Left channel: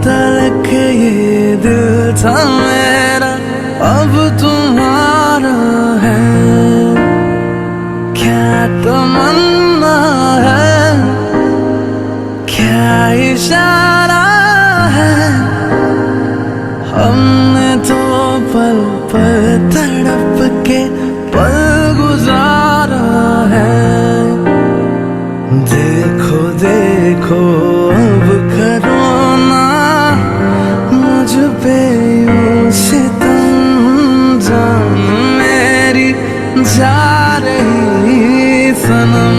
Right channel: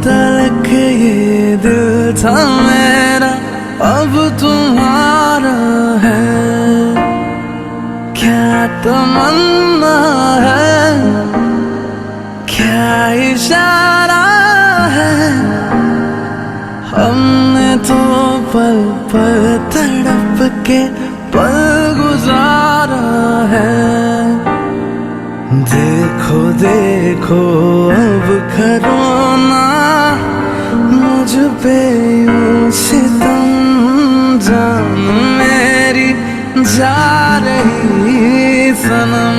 बदल के ये दिल था मेरा अब तुम्हारा है। क्या तमन्ना है, क्या इशारा है, हमने तो पल पल तड़प के पल गुजारा है। देखो देखो अब करो ना मुझ पे यूं सितम, जान मेरी जा रही सनम,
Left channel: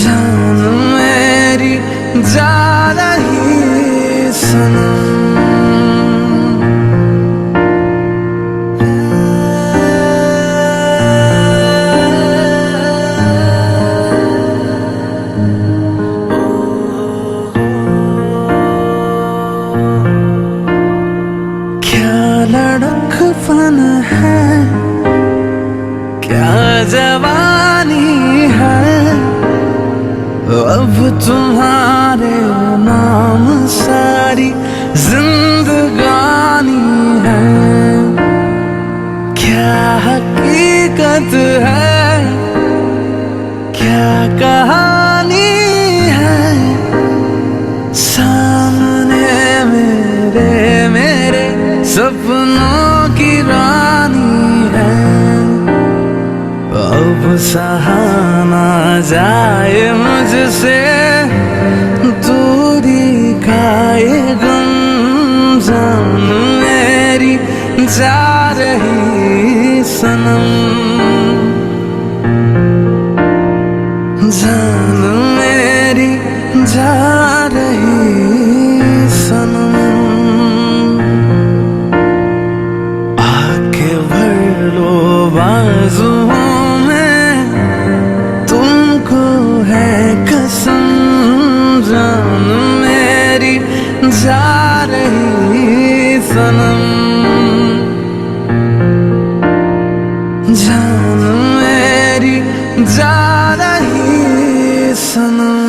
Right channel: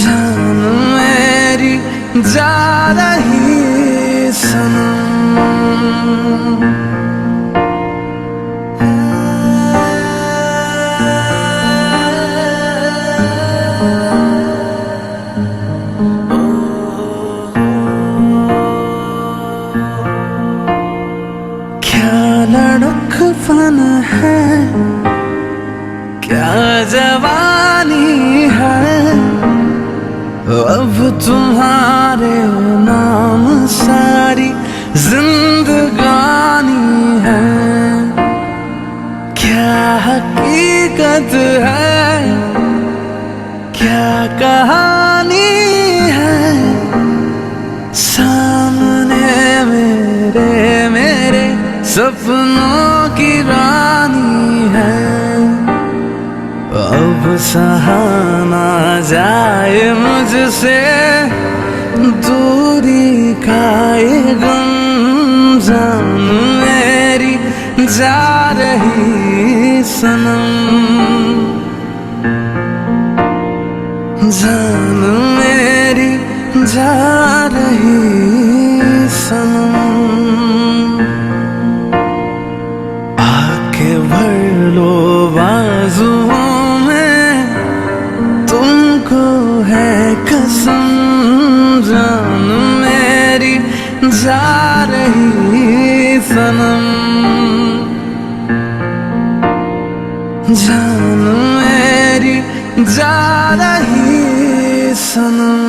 जान मेरी जा रही सनम। क्या लड़कपन है, क्या जवानी है, अब तुम्हारे नाम सारी जिंदगानी है। क्या हकीकत है, क्या कहानी है, सामने मेरे सपनों की रानी है। अब सहा ना जाए मुझसे दूरी का ये गम, जान मेरी जा रही सनम, जान मेरी जा रही सनम। आके भर लो बाजुओं में, तुमको है कसम, जान मेरी जा रही सनम, जान मेरी जा रही सनम।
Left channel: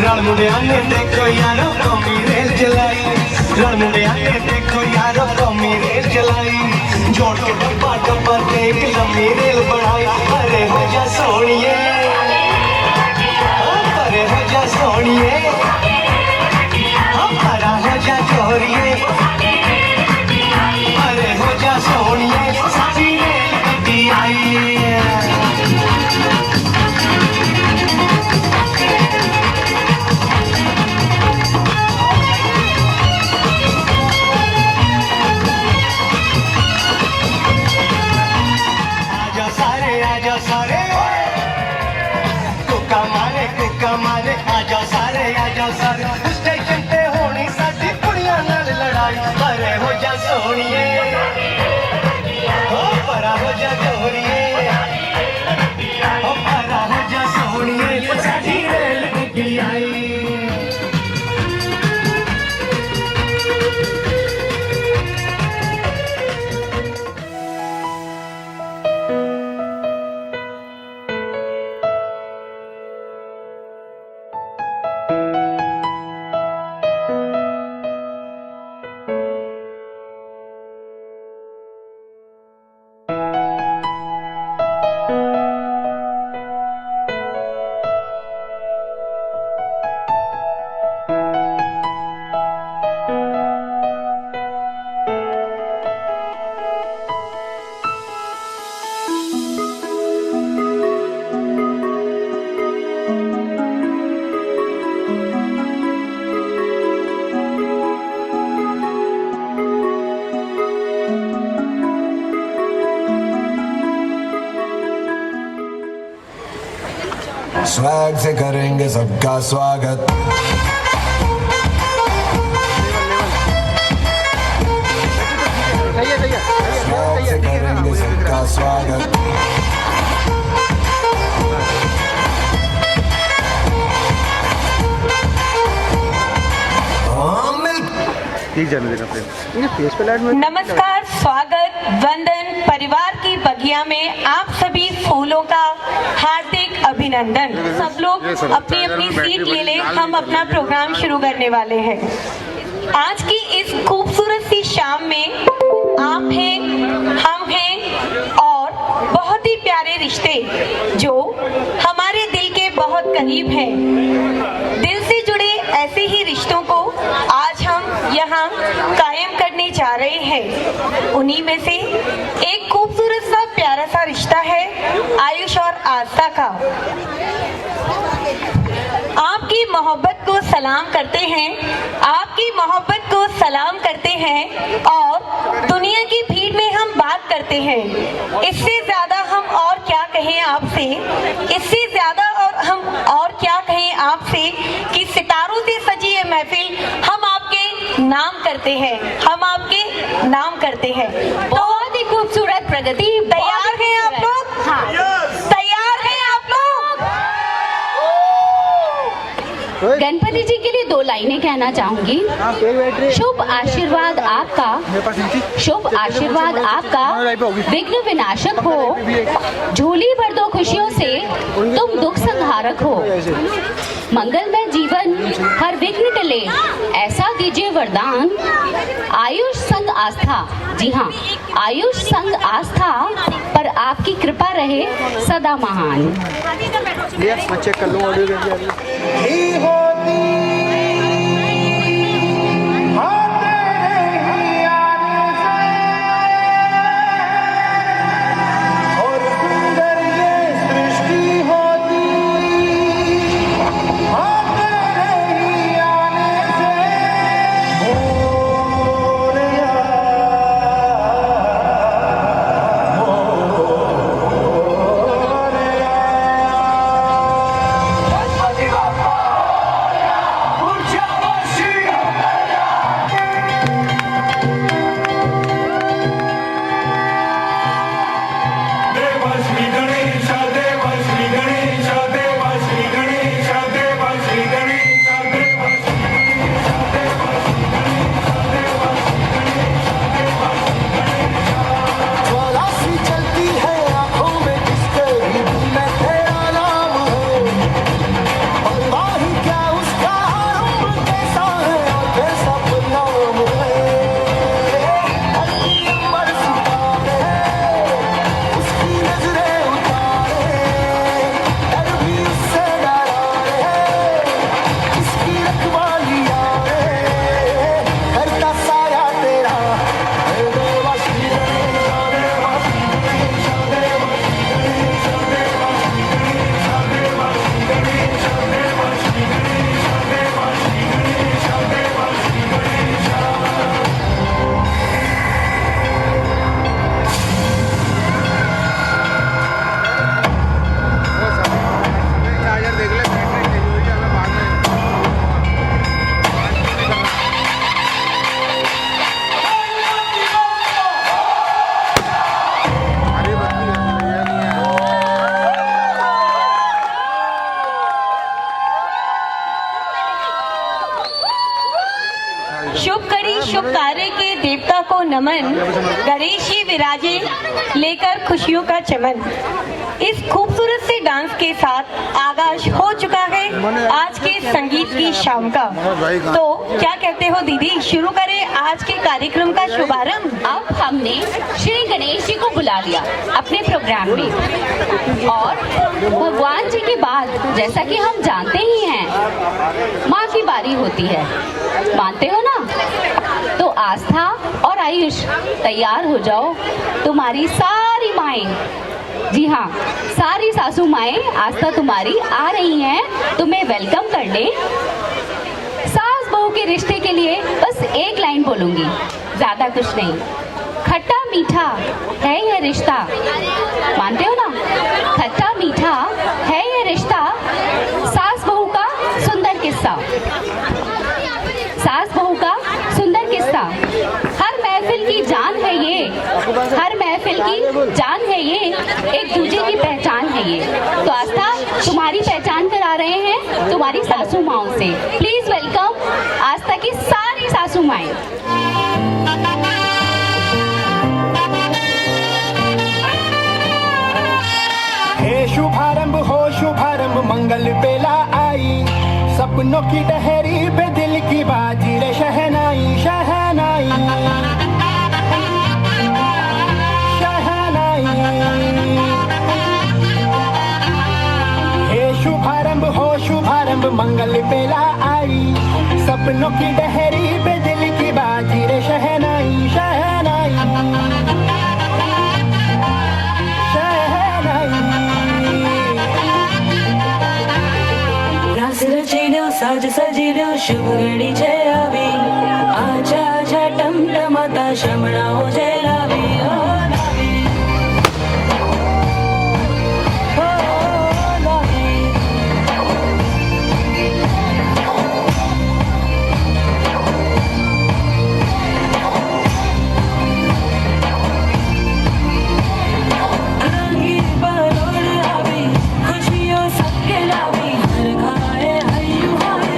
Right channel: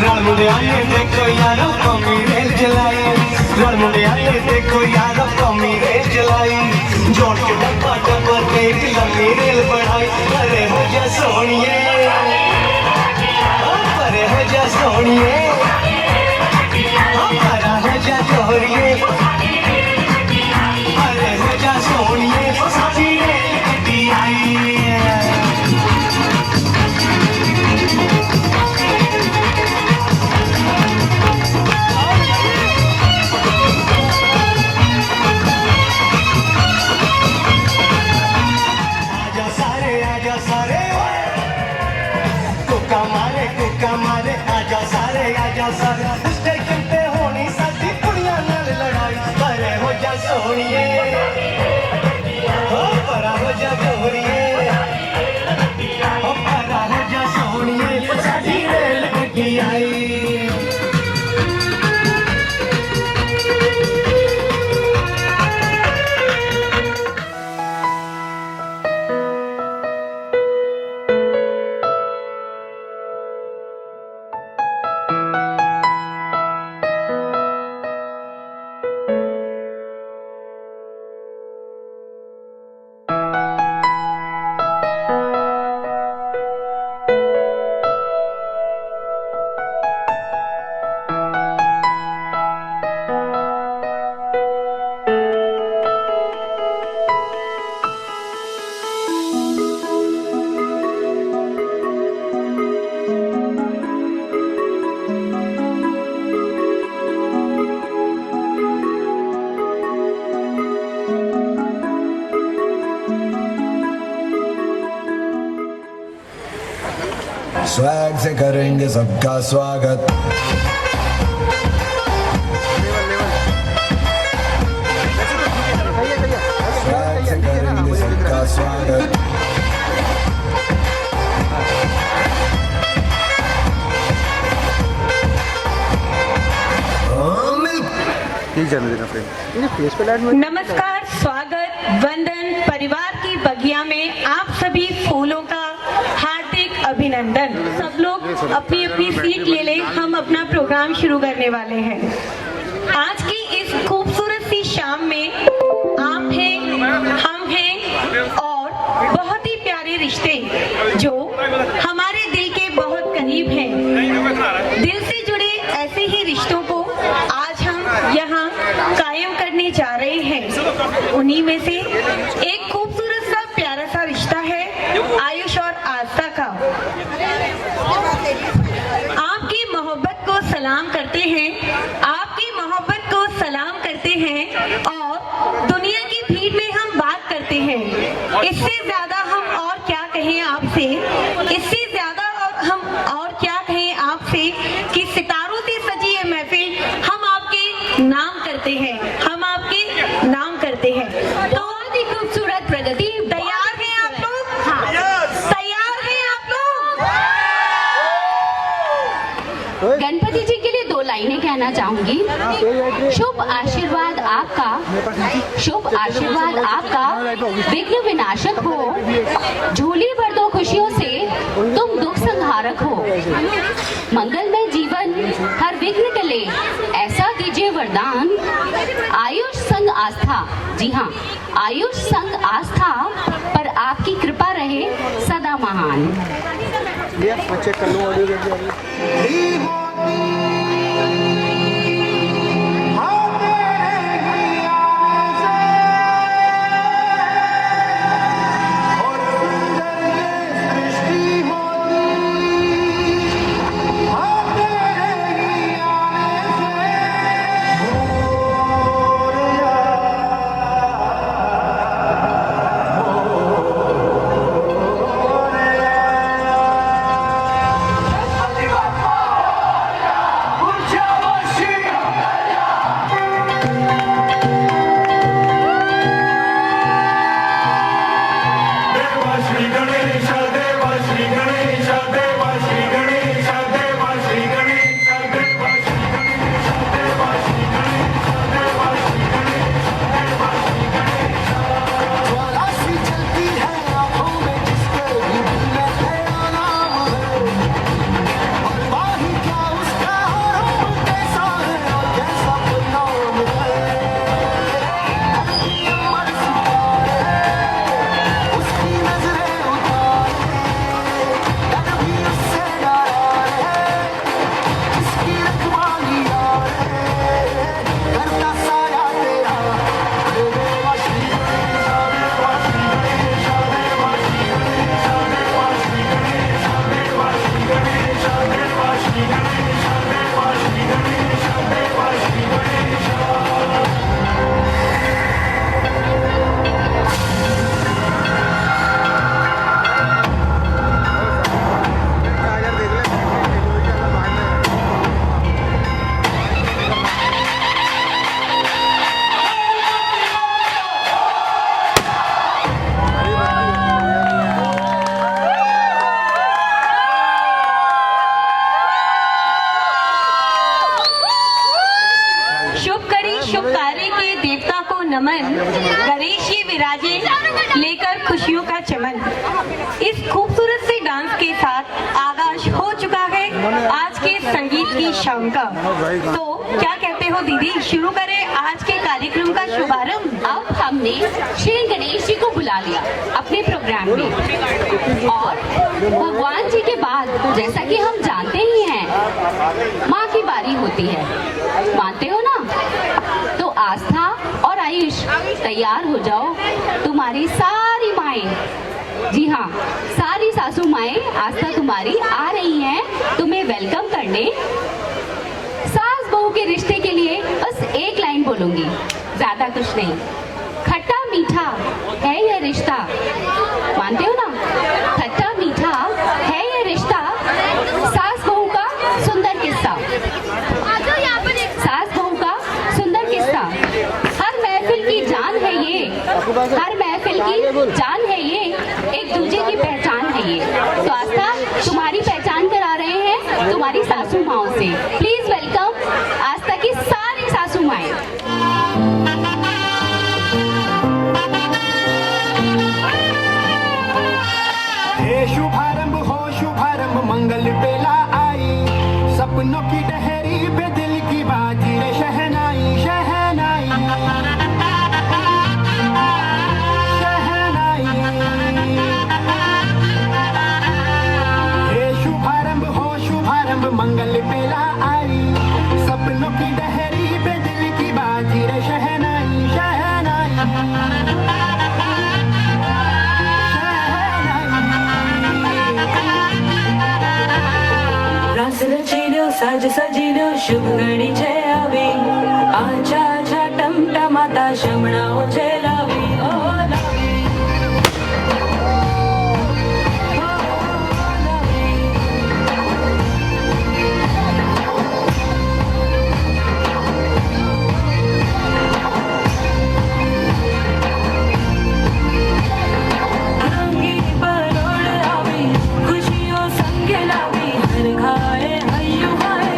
रल मुंडिया ने देखो यारो कौमी रेल चलाई, रल मुंडिया ने देखो यारो कौमी रेल चलाई, जोड़ के डब्बा डब्बा के लंबी रेल बढ़ाई। अरे हो जा सोनिए, अरे हो जा सोनिए, अरे हो जा जोरिए, अरे हो जा सोनिए, साथी रेल गड्डी आई। स्वैग से करेंगे सबका स्वागत। ठीक है ना, मुझे दिख रहा है। स्वागत ठीक जन्मदिन अपने नमस्कार, स्वागत, वंदन, परिवार की बगिया में आप सभी फूलों का हार्दिक अभिनंदन। सब लोग अपनी अपनी सीट ले लें, हम अपना प्रोग्राम शुरू करने वाले हैं। आज की इस खूबसूरत सी शाम में आप हैं, हम हैं और बहुत ही प्यारे रिश्ते जो हमारे दिल के बहुत करीब हैं। दिल से जुड़े ऐसे ही रिश्तों को आज हम यहाँ कायम करने जा रहे हैं। उन्हीं में से एक खूबसूरत सा प्यारा सा रिश्ता है आयुष और आस्था का। आपकी मोहब्बत को सलाम करते हैं, आपकी मोहब्बत को सलाम करते हैं और दुनिया की भीड़ में हम बात करते हैं। इससे ज्यादा हम और क्या कहें आपसे, इससे ज्यादा और हम और क्या कहें आपसे कि सितारों से सजी ये महफिल हम आपके नाम करते हैं, हम आपके नाम करते हैं। बहुत ही खूबसूरत प्रगति। तैयार हैं आप लोग? तैयार हैं आप लोग? गणपति जी के लिए 2 लाइनें कहना चाहूंगी। शुभ आशीर्वाद आपका, शुभ आशीर्वाद आपका विघ्न विनाशक हो, झोली भर दो खुशियों से तुम दुख संहारक हो, मंगलमय जीवन हर विघ्न टले, ऐसा कीजिए वरदान। आयुष संग आस्था, जी हाँ, आयुष संग आस्था पर आपकी कृपा रहे सदा महान। मैं चेक कर लूँ ऑडियो। शुभ कार्य के देवता को नमन, गणेश जी विराजे लेकर खुशियों का चमन। इस खूबसूरत से डांस के साथ आगाज हो चुका है आज के संगीत की शाम का। तो क्या कहते हो दीदी, शुरू करें आज के कार्यक्रम का शुभारंभ? अब हमने श्री गणेश जी को बुला लिया अपने प्रोग्राम में और भगवान जी के बाद जैसा कि हम जानते ही हैं माँ की बारी होती है, मानते हो ना? तो आस्था और आयुष तैयार हो जाओ, तुम्हारी सारी माएं, जी हाँ सारी सासू माएं आस्था तुम्हारी आ रही हैं तुम्हें वेलकम करने। सास बहू के रिश्ते के लिए बस एक लाइन बोलूंगी, ज्यादा कुछ नहीं। खट्टा मीठा है यह रिश्ता, मानते हो ना? खट्टा मीठा है यह रिश्ता, जान है ये, एक दूसरे की पहचान है ये। तो आस्था, तुम्हारी पहचान करा रहे हैं तुम्हारी सासू माओ से। प्लीज वेलकम आस्था की सारी सासू माएं। हे शुभारंभ हो शुभारंभ मंगल बेला आई, सपनों की डहरी पे दिल की बाजी रे शहनाई शहनाई शहनाई। हे शुभारंभ हो शुभारंभ मंगल बेला आई, सपनों की डहरी पे दिल की बाजी रे शहनाई शहनाई रास रचिलो साज सजिलो शुभ घड़ी छे आवी, आजा आजा टमटमाता शमणाओ छे लावी, ओ लावी, ओ लावी। रंगीन पलोड़ आवी, खुशियों संगे लावी, हर घाए हय्यू हाय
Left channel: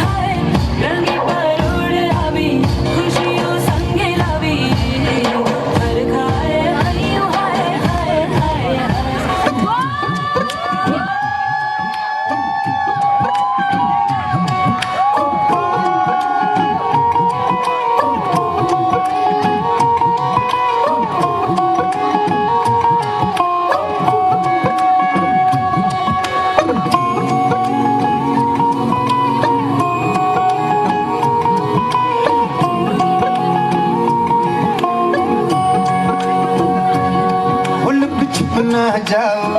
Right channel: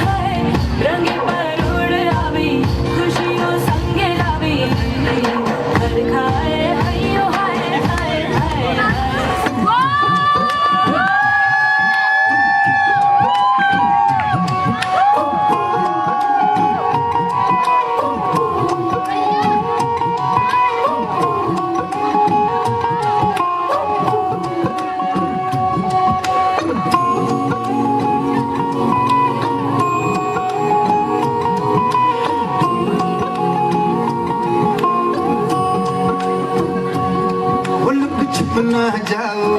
हाय। रंगीन पलोड़ आवी, खुशियों संगे लावी, हर घाए हय्यू हाय हाय हाय। मुल्क छुप न जाओ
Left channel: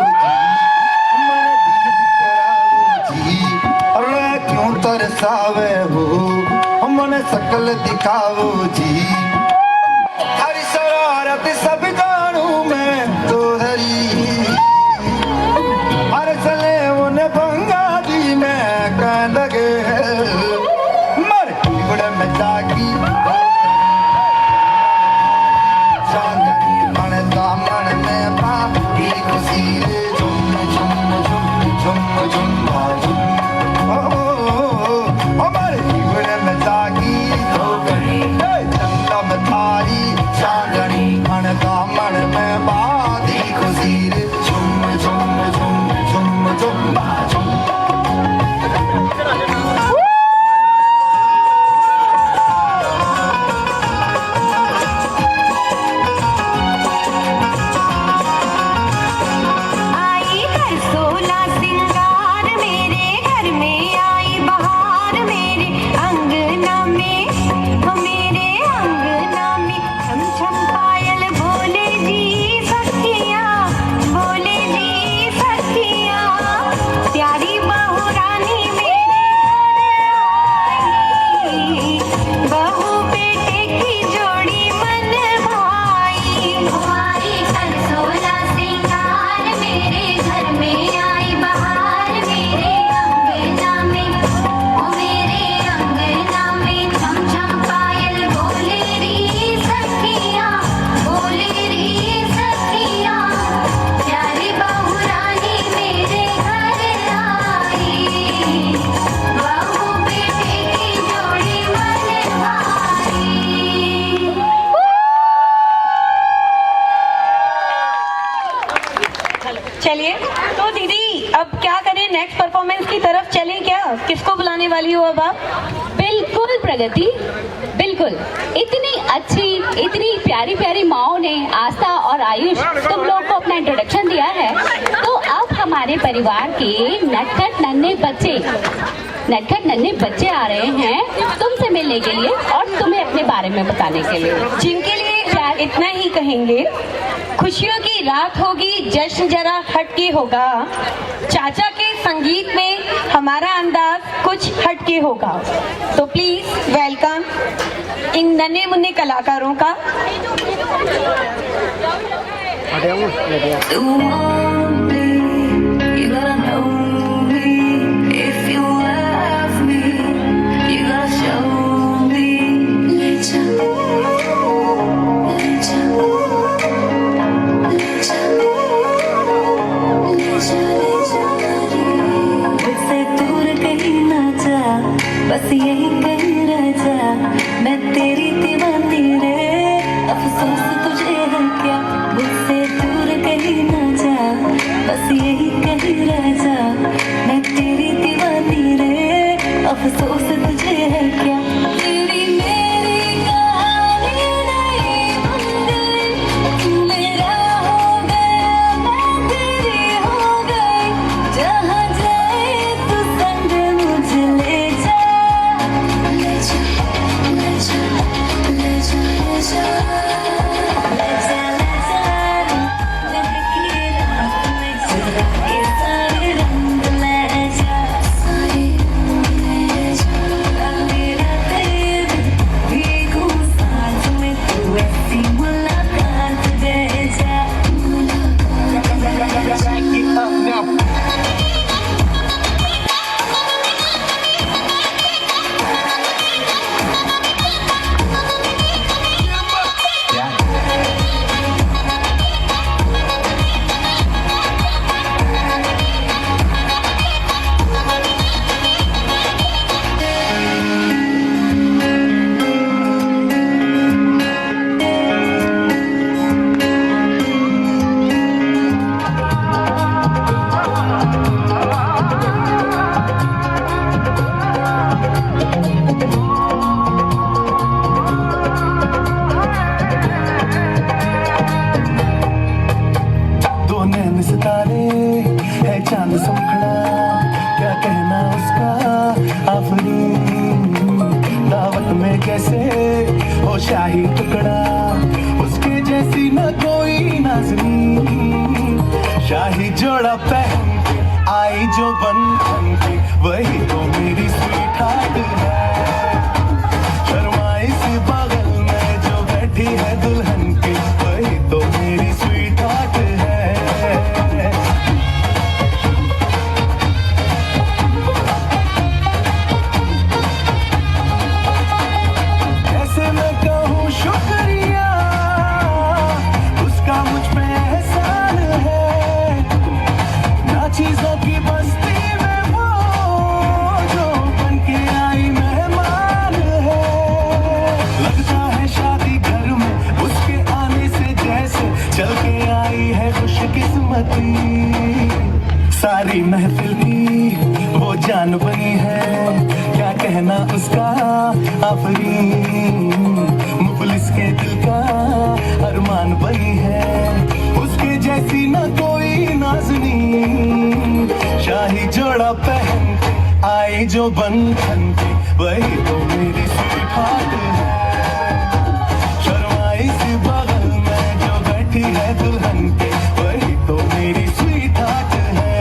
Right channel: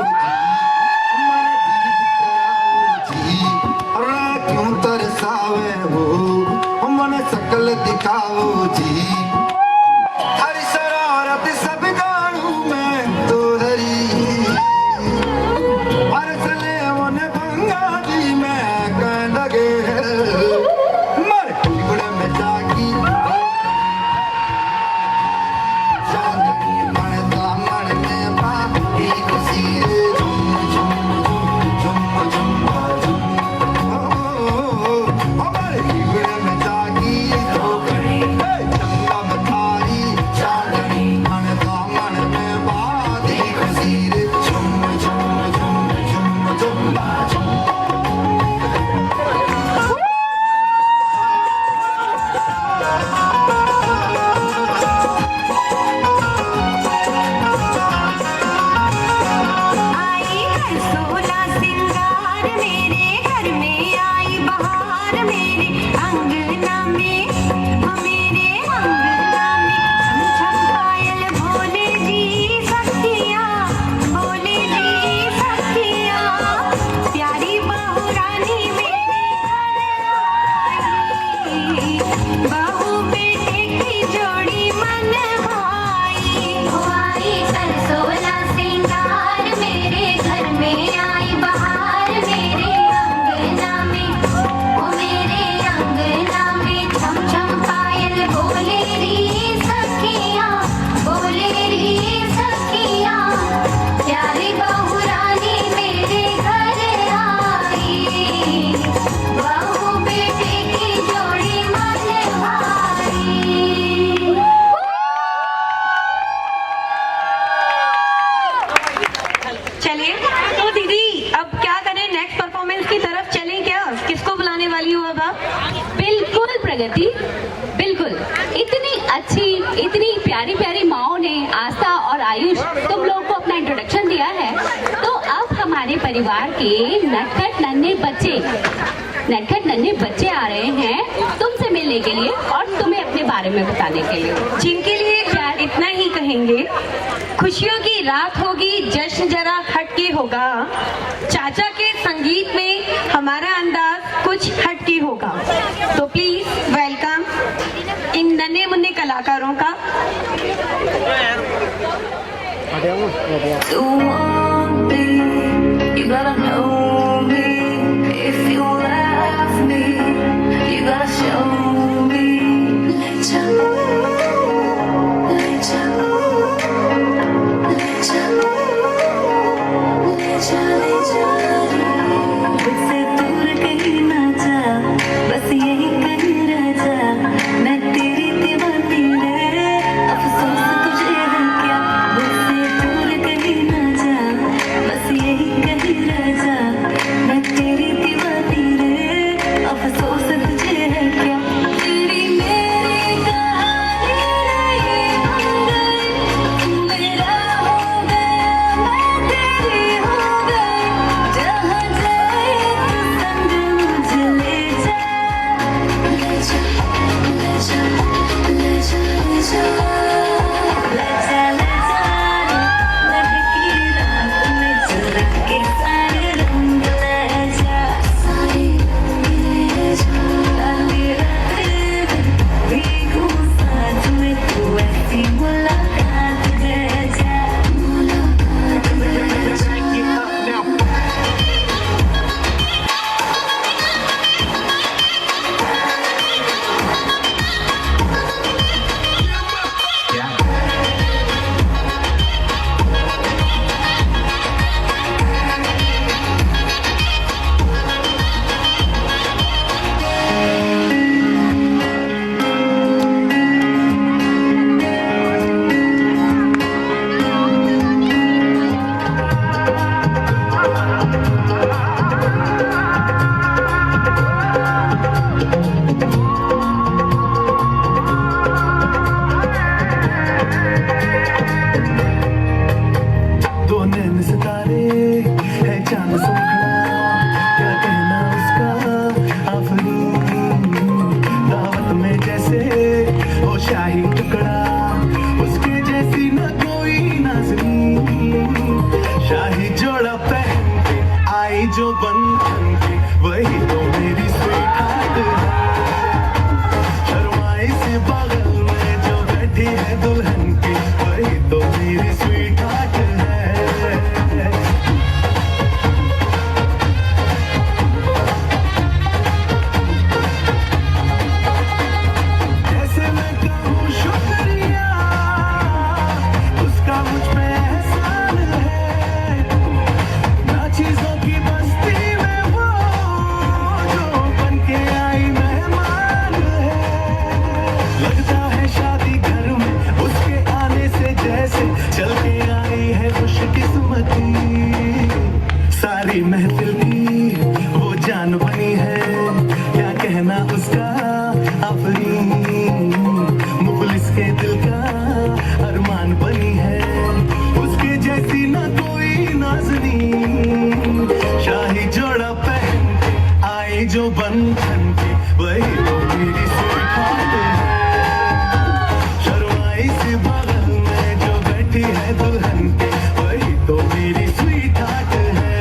हमारा दिल कराओ जी, और क्यों तरसावे हो मन सकल दिखाओ जी। हरी शरारत सब जानू मैं तो हरी, मर चले उन्हें भंगा दी मैं कांदगे मर उड़ में जागी चांदनी मन दामन में बाकी खुशी रे झुम झुम झुम झुम झुम ओ मर उड़ में जागी चंदा बताई चांदनी मन दामन में बाकी खुशी रे झुम झुम झुम झुम झुम। आई है सोला सिंगार मेरे घर में, आई बहार मेरे अंगना में, वो मेरे अंगना में छम छम पायल बोले जी सखियाँ, बोले जी सखियाँ। प्यारी बहू रानी मेरे घर आई, बहू बेटे की जोड़ी मन भाई। आई कर सोला सिंगार मेरे घर में, आई बहार मेरे अंगना में, ओ मेरे अंगना में छम छम पायल बोले री सखियाँ, बोले री सखियाँ। प्यारी बहू रानी मेरे घर आई, बहू बेटे की जोड़ी मन भाई। चलिए तो दीदी अब क्या करें, नेक्स्ट परफॉर्मेंस की तरफ चलें क्या? किसको बुलाने वाली हो अब आप? बिल्कुल प्रगति, बिल्कुल। इतनी अच्छी, इतनी प्यारी प्यारी माओ ने आस्था और आयुष तुम लोग को अपना इंट्रोडक्शन दिया है, तो अब हमारे परिवार के नटखट नन्हे बच्चे आ रहे हैं तुमसे मिलने के लिए और तुम्हें अपने बारे में बताने के लिए, जिनके लिए हम इतना ही कहेंगे, खुशियों की रात होगी, जश्न जरा हटके होगा, चाचा के संगीत में हमारा अंदाज कुछ हटके होगा। तो प्लीज वेलकम इन नन्हे मुन्ने कलाकारों का। You want me, you gotta know me. If you love me, you gotta show me. Let you जो बंधन के वही तो मेरी स्वीकृत है। शर्माई सी बगल में जो बैठी है दुल्हन के वही तो मेरी स्वीकृत है।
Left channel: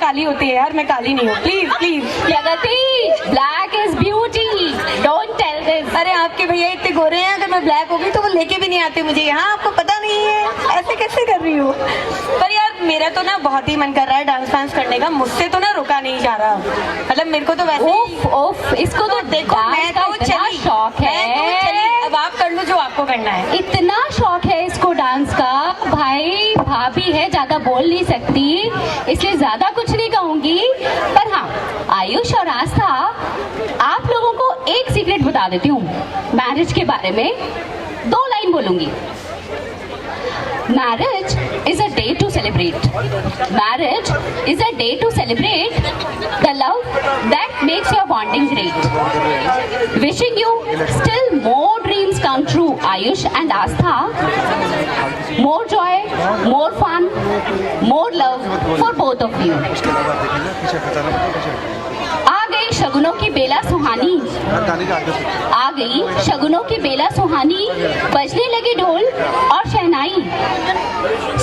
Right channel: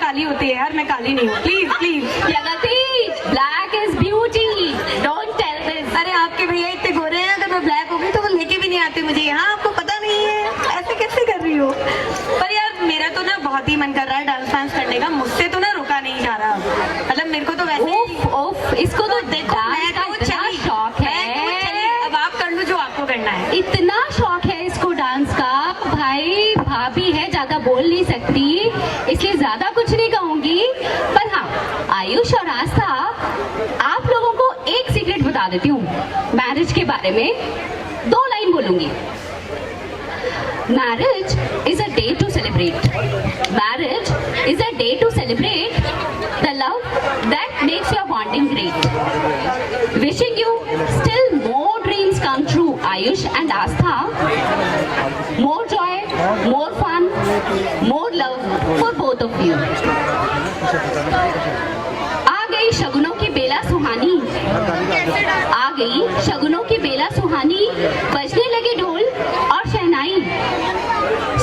काली होती है यार, मैं काली नहीं हूँ। Please please Pragati, black is beauty, don't tell this. अरे आपके भैया इतने गोरे हैं, अगर मैं ब्लैक हो गई तो वो लेके भी नहीं आते मुझे यहाँ। आपको पता नहीं है ऐसे कैसे कर रही हूँ। पर यार मेरा तो ना बहुत ही मन कर रहा है डांस वांस करने का, मुझसे तो ना रुका नहीं जा रहा। मतलब मेरे को तो वैसे ओफ, इसको तो देखो मैं तो चली, शौक है। अब आप कर लो जो आपको करना है। इतना शौक है इसको डांस का। भाई भाभी है, ज्यादा बोल नहीं सकती इसलिए ज्यादा कुछ नहीं कहूंगी। पर हाँ, आयुष और आस्था, आप लोगों को एक सीक्रेट बता देती हूँ मैरिज के बारे में। 2 लाइन बोलूंगी। Marriage is a day to celebrate. Marriage is a day to celebrate the love that makes your bonding great. Wishing you still more dreams come true, Ayush and Aastha. More joy, more fun, more love for both of you. आ गई शगुनों की बेला सुहानी, आ गई शगुनों की बेला सुहानी, बजने लगे ढोल और शहनाई।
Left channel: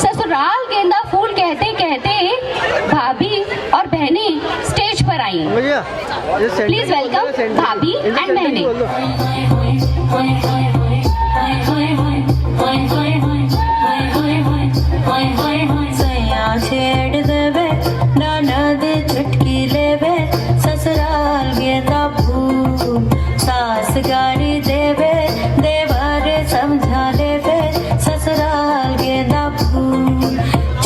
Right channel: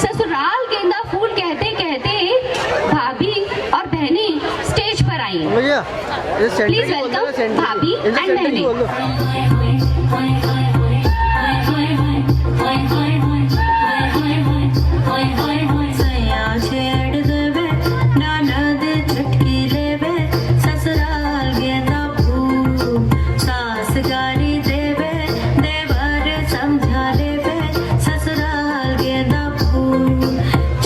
ससुराल गेंदा फूल कहते कहते भाभी और बहनें स्टेज पर आई। भैया प्लीज वेलकम भाभी एंड बहनें। छेड़ देवे ननद चुटकी लेवे, ससुराल गेंदा फूल सास गारी देवे, देवर समझा लेवे, ससुराल गेंदा फूल।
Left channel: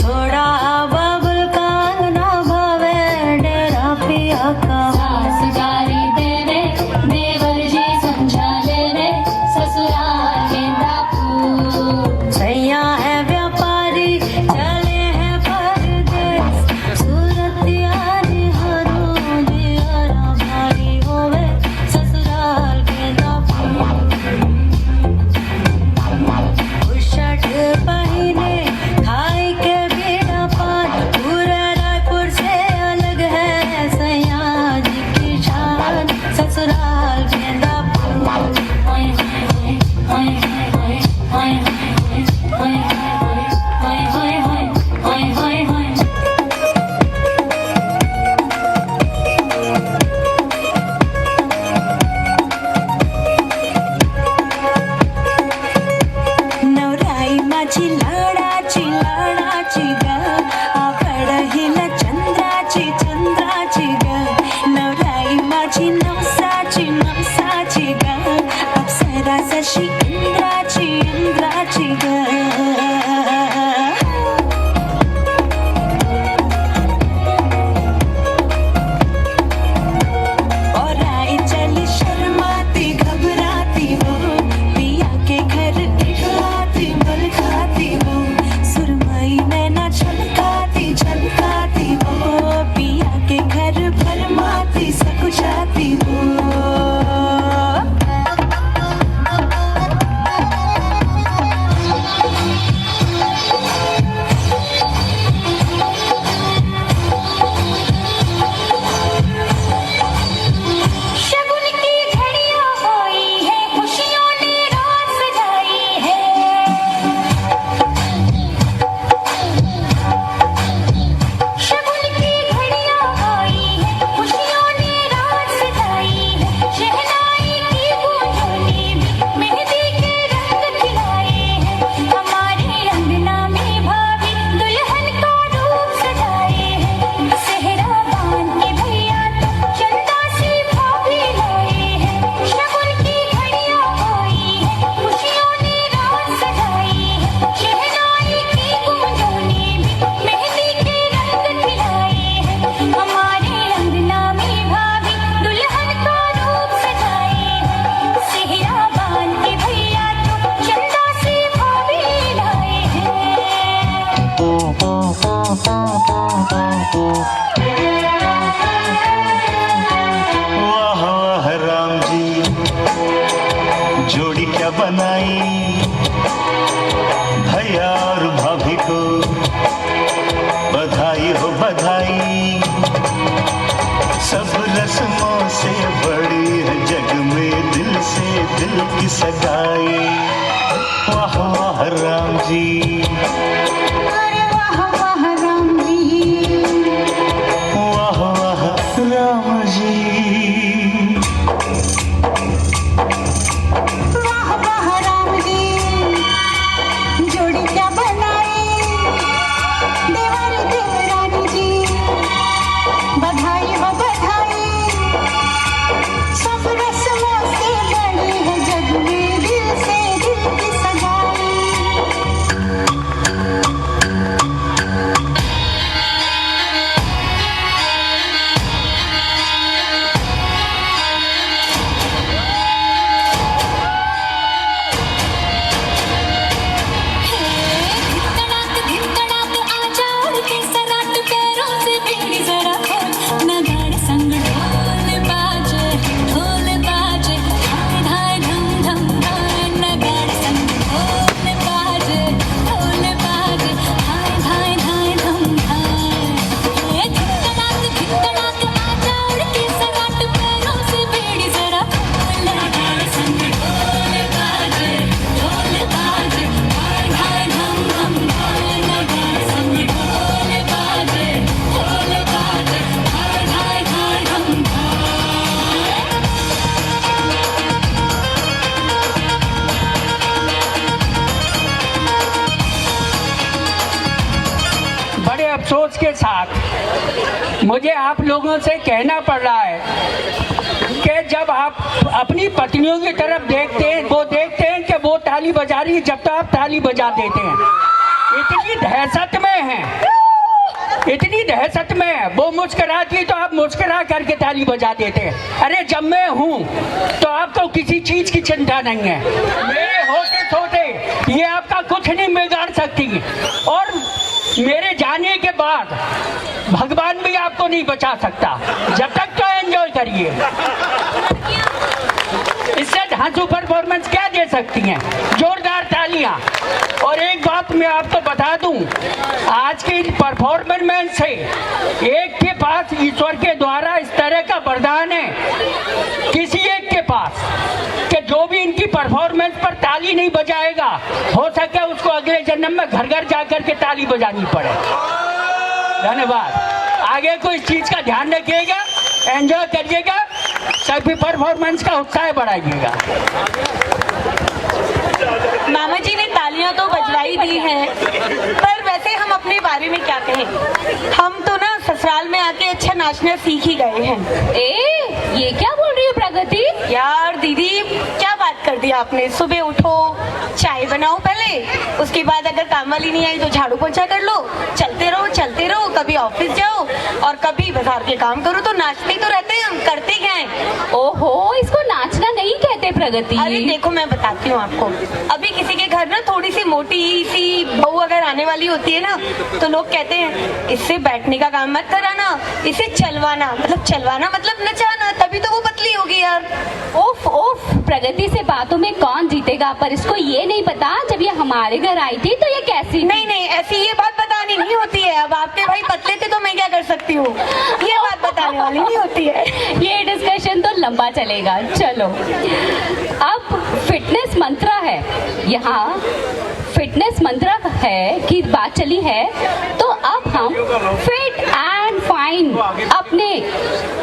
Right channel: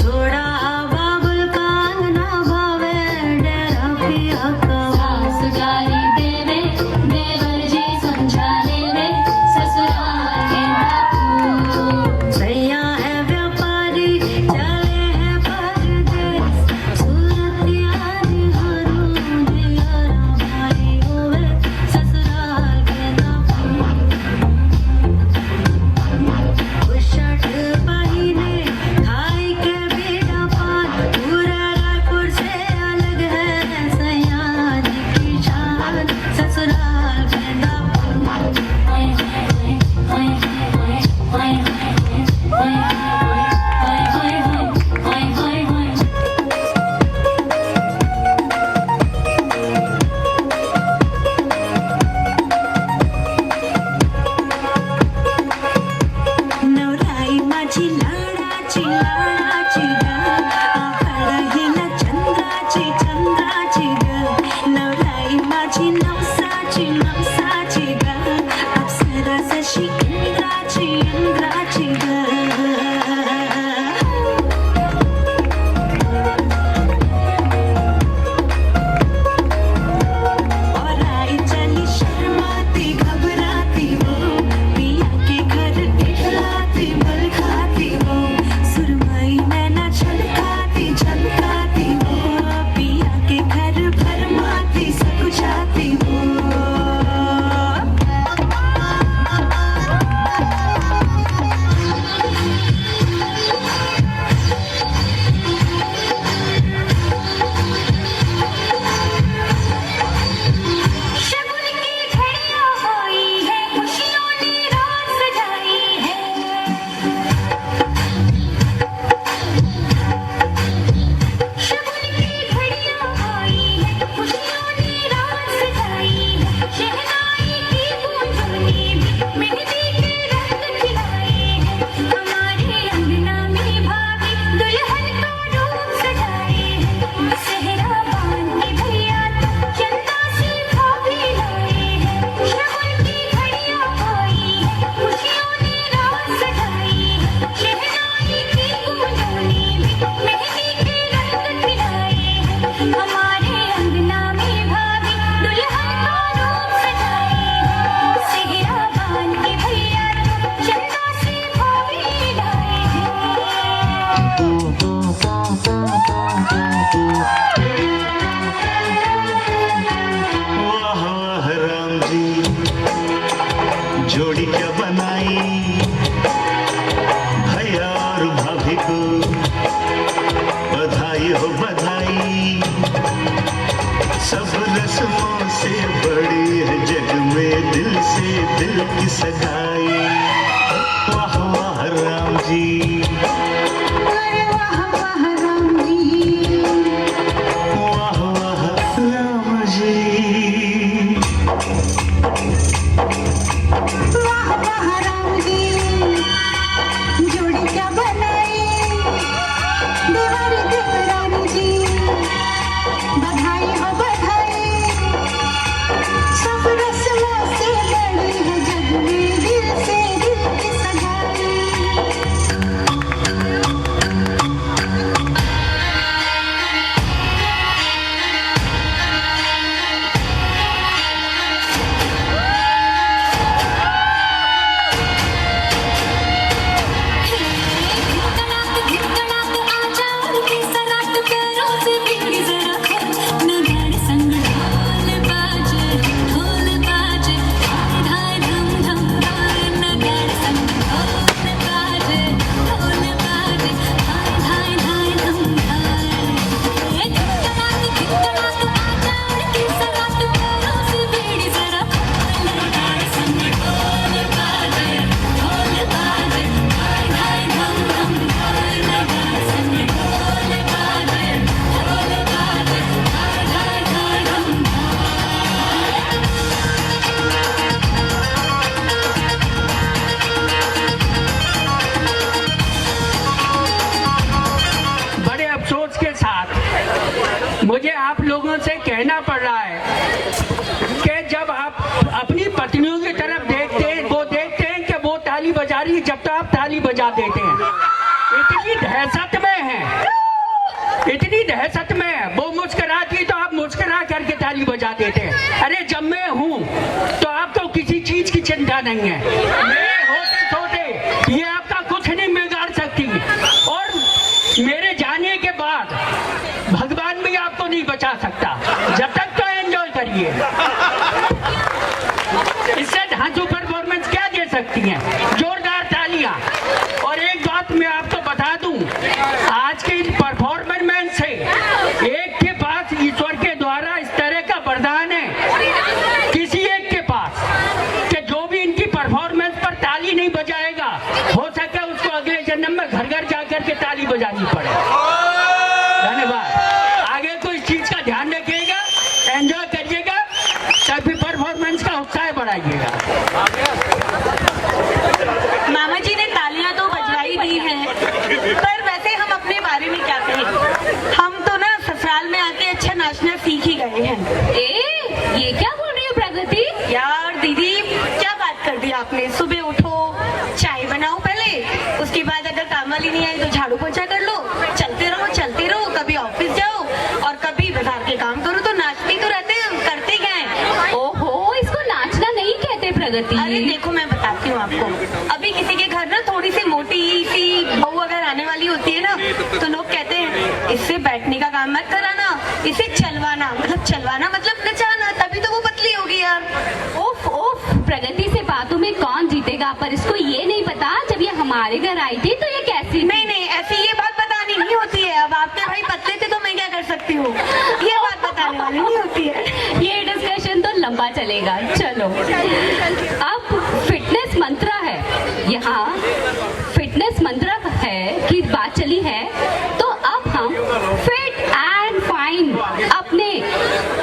छोड़ा बाबुल कांगना भावे, डेरा पिया का सास गारी देवे, देवर जी समझा लेवे, ससुराल गेंदा फूल। सैया है व्यापारी, चले हैं परदेस, सूरत यारी हरू दियारा भारी होवे, ससुराल गेंदा फूल। बुशट पहिने खाई के बेड़ा पान, पूरा रायपुर से अलग है सैया जी की शान, ससुराल गेंदा फूल। नवराई माझी लाडाची लाडाची ग, आखाड हिला चंद्राची चंद्राची ग। नवराई माझी नवसाची नवसाची ग, अप्सरा जशी इंद्राची इंद्राची ग। और आई चली शर्माती घबराती हो, पिया के घर खिलाती मल खाती हो, सुरमई में न छलकाती छलकाती हो, पिया के घर भरमाती सब जाती हो। जोड़ी क्या बनाई भैया और भाभी को बधाई हो बधाई। सब रस्मों से बड़ी है जग में दिल से दिल की सगाई। वाह वाह राम जी, वाह वाह राम जी। जोड़ी क्या बनाई देवर देवरानी जी, बधाई हो बधाई। सब रस्मों से बड़ी है जग में दिल से दिल की सगाई। के साथ मुझे आप लोगों से कहना पड़ रहा है कि जब आप अपनी पत्नियों की तरफ देखते हैं, वो देखते हैं कि वो ताली बजा रही है, जब तक आप ताली बजा देते हैं। इतनी दहशत में है, इतनी दहशत में है। वो मुस्कुराती है तो आप मुस्कुरा करके ताली बजा देते हैं। अरे जब मैं हूँ तो आपको किसी चीज की चिंता नहीं है। मेरे होते सोते ये आपका कुछ नहीं बिगाड़ सकती, और मेरे जाने के बाद भगवान भी आपको नहीं बचा सकता। जब तक तो एंजॉय करिए। इससे धांसू परफॉर्मेंस क्या दे सकती हैं? जोरदार तालियां। और एक बात मैं आपको बता दूं, आज के परफॉर्मेंस से एक के पास ईश्वर के द्वारा इस तरह का वरदान है, किसी एक के पास, कि जो भी इनकी परफॉर्मेंस पर ताली नहीं बजाएगा, हो सके उसको अगले जन्म में घर घर जाकर के ताली बजानी पड़े। धन्यवाद। आगे को इस चीज का ध्यान रखिएगा, एंजॉय करिएगा, सभी परफॉर्मेंस का उत्साह बढ़ाइएगा। मामा जी ने तालियां तो बजवाई दी हैं, पर वैसे हम अपने बारे में क्या कहें? हम तो ना ससुराल में आके अच्छा नाचना सीख ही गए हैं। ये क्या बोल रही है प्रगति? यार दीदी क्या बात कर दी आपने। सुबह उठो, चाय बनाओ पहले, उसके बाद अगर काम वाली नहीं आई तो झाड़ू पोछा कर लो, चलते रहो। कभी ऑफिस जाओ और कभी बाजार के काम करो। तो नाचते ही तो रहते हैं हम, करते क्या है? ओहो, इसको नाचना नहीं कहते प्रगति। अरे देखो मैं बताती हूँ आपको, अभी किसी के घर ना थोड़ी सी मोटी सी बहू अगर आने वाली होती है ना, तो लोग कहते हैं इससे बैठने का काम मत कराना, इसे चलवाना मतलब नचाना, तभी तो वो पतली होगी यार। ओफ ओफ, प्रगति से बातों में कौन जीतेगा? पर इसको ये नहीं पता जब ये हमारे घर आई थी तो ये कैसी? नहीं ऐसी ये बात बतानी नहीं होती है। अब आपके भाई पतले थे तो मैं क्या कर सकती हूँ, ये बात बताने वाली नहीं होती है। ये डिस्कशन तो लंबा चलेगा। चलो, अब फिटनेस मंत्रा है, यहाँ फिटनेस मंत्रा है की बात चली है, तो अब हम फिट एंड फाइन अपने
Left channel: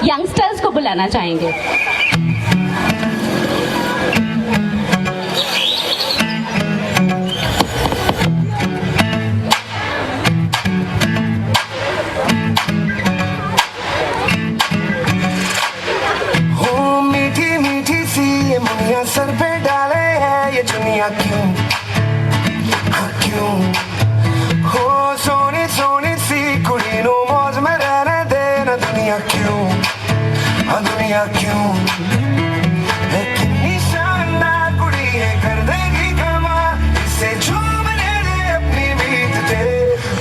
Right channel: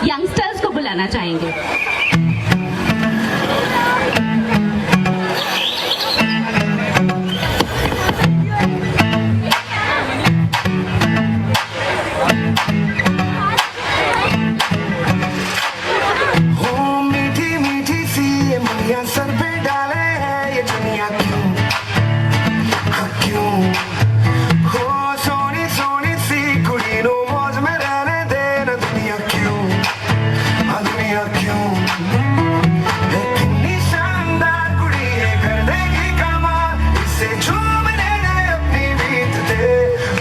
यंगस्टर्स को बुलाना चाहेंगे। मुनिया सर पे डाले है ये दुनिया क्यों, हाँ क्यों? हो सोनी सोनी सी कुड़ी नो मौज में रहने देना दुनिया क्यों, हाँ दुनिया क्यों? है कितनी शानदार कुड़ी है, कर देगी कमाल, इसे झूमने दे अपनी बीत दे,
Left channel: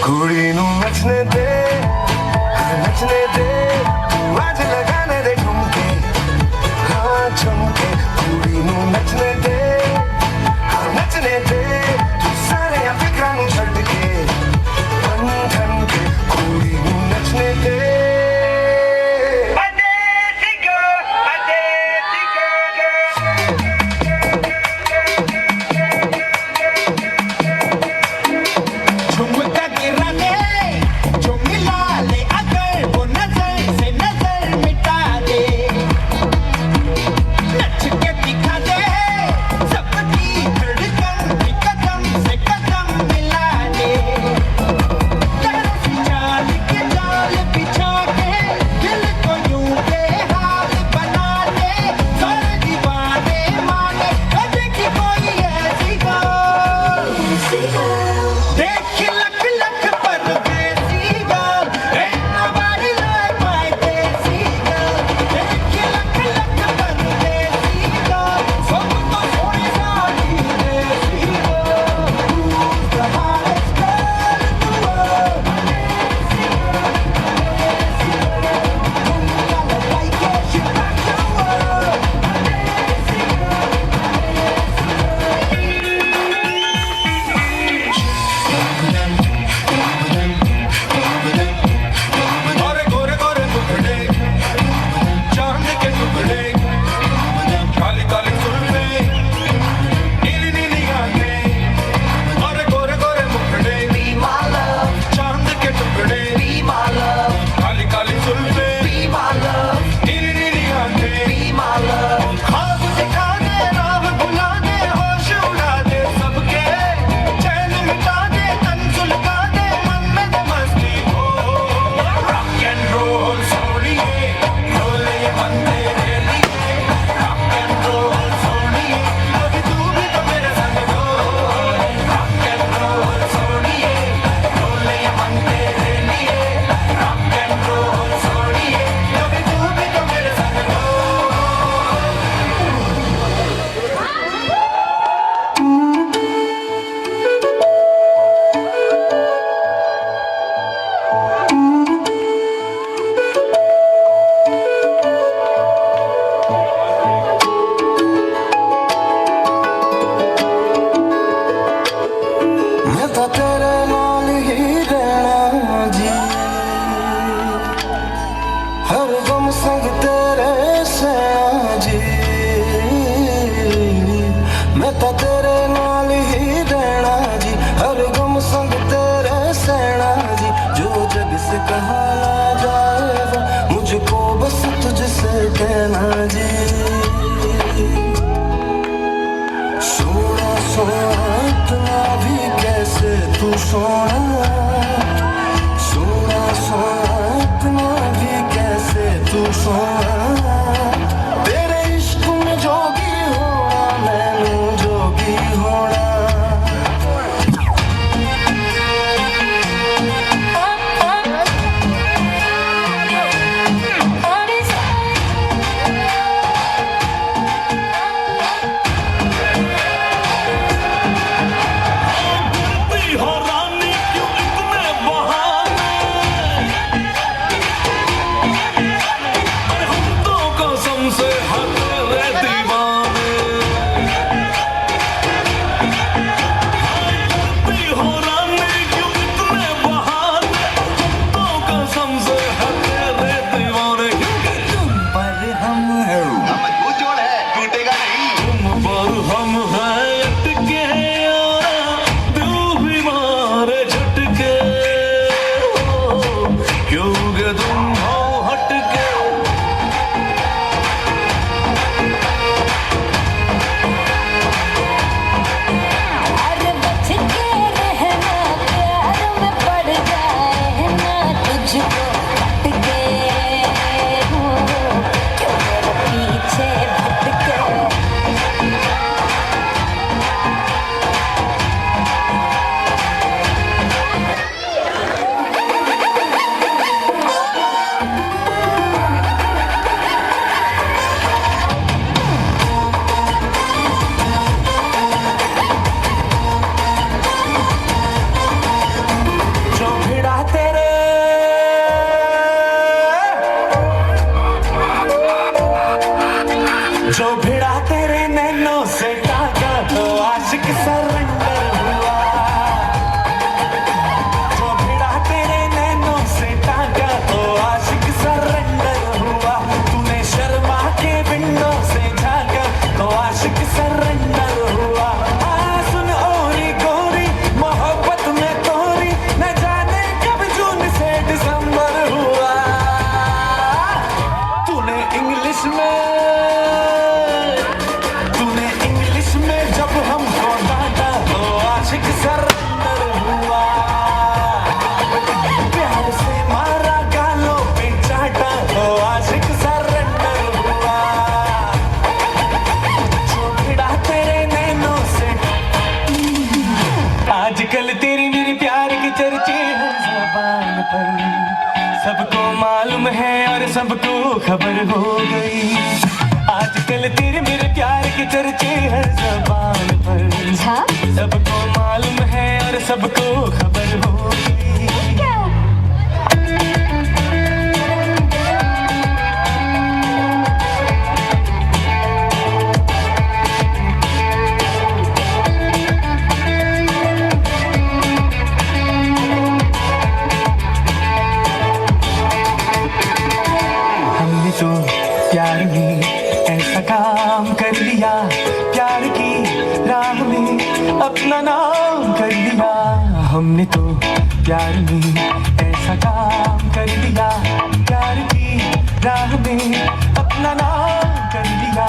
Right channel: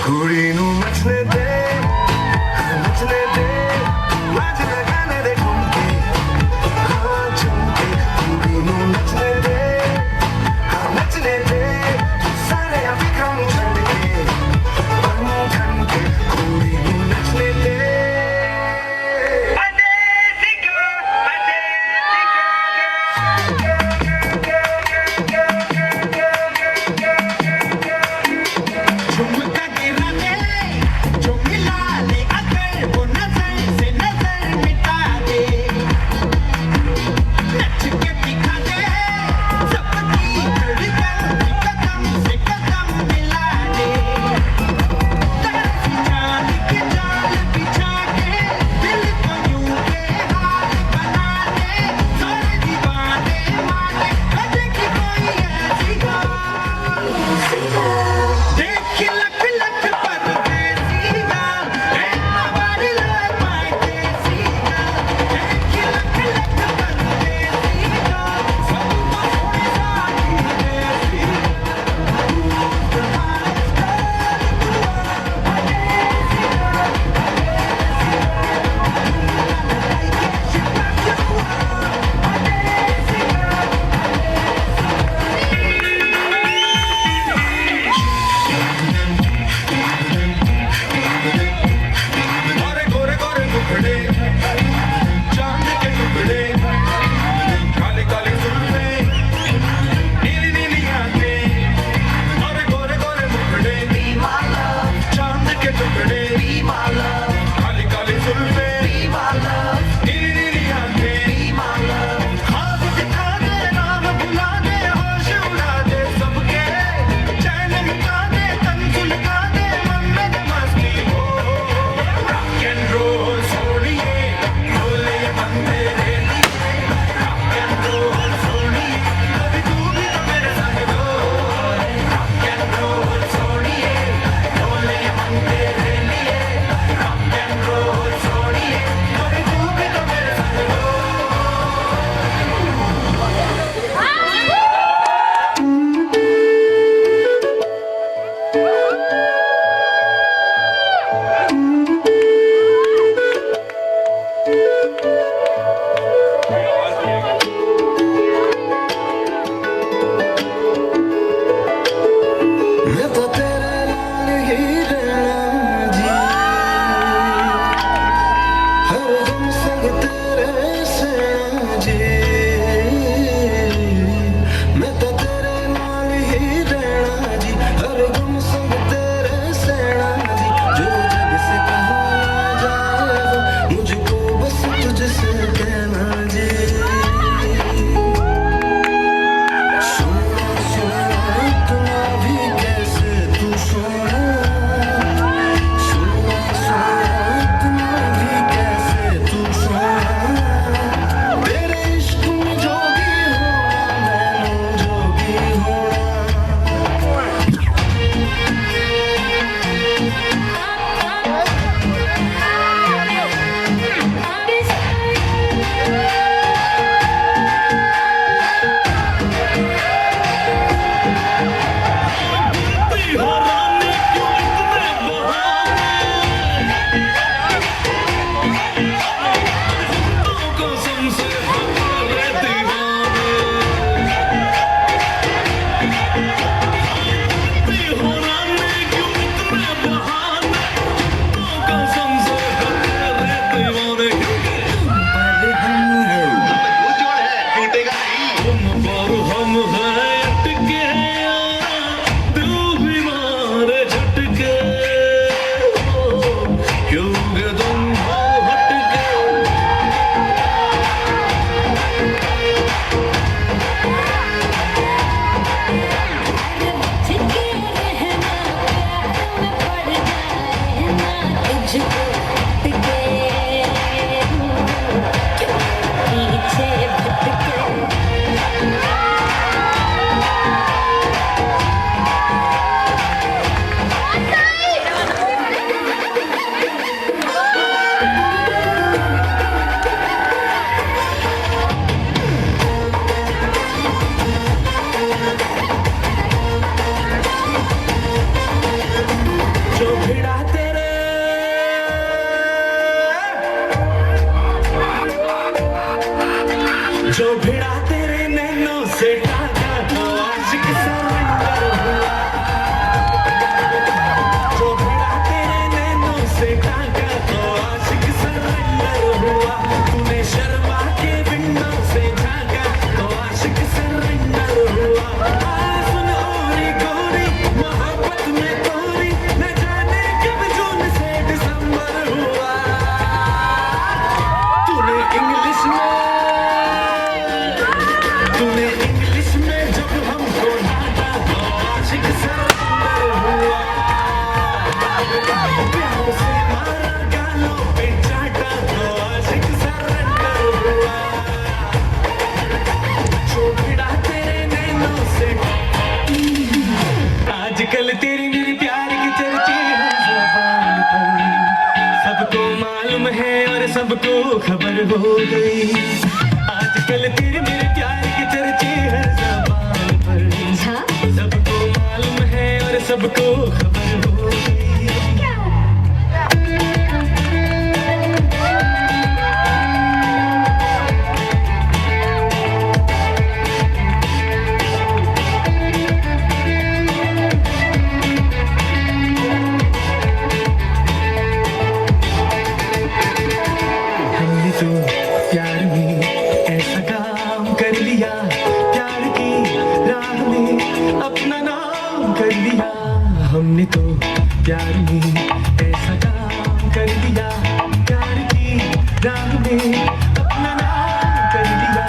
कुड़ी नो नचने दे, नचने दे, मज लगाने दे घूम के, हाँ झूम के, नचने दे। सोना सोना सोना इतना भी कैसे तू सोना तेरे इश्क में जोगी होना मैंने जोगी होना जो भिड़ा तेरे नैनों से टाका तो आशिक सरेंडर हुआ जो भिड़ा तेरे नैनों से टाका तो आशिक सरेंडर हुआ तूने शर्मा के विंडो से झांका तो आशिक सरेंडर हुआ सुन ओरी गोरी मोहब्बत में तोरी न जाने कब जून से दिसंबर हुआ तूने इंग्लिश में जब हमको डांटा तो आशिक सरेंडर हुआ प्यार से मारा गालों पे चाटा तो आशिक सरेंडर हुआ जो भिड़ा तेरे नैनों से आजकल तेरी मेरे प्यार की चर्चे हैं ज़बान पर सबको मालूम है और सबको खबर हो गई आजकल तेरे मेरे प्यार के चर्चे हैं ज़बान पर सबको मालूम है और सबको खबर होगी हमने तो प्यार में ऐसा काम कर लिया प्यार की राह में अपना नाम कर लिया हमने तो प्यार में ऐसा काम कर लिया प्यार की राह में अपना नाम कर लिया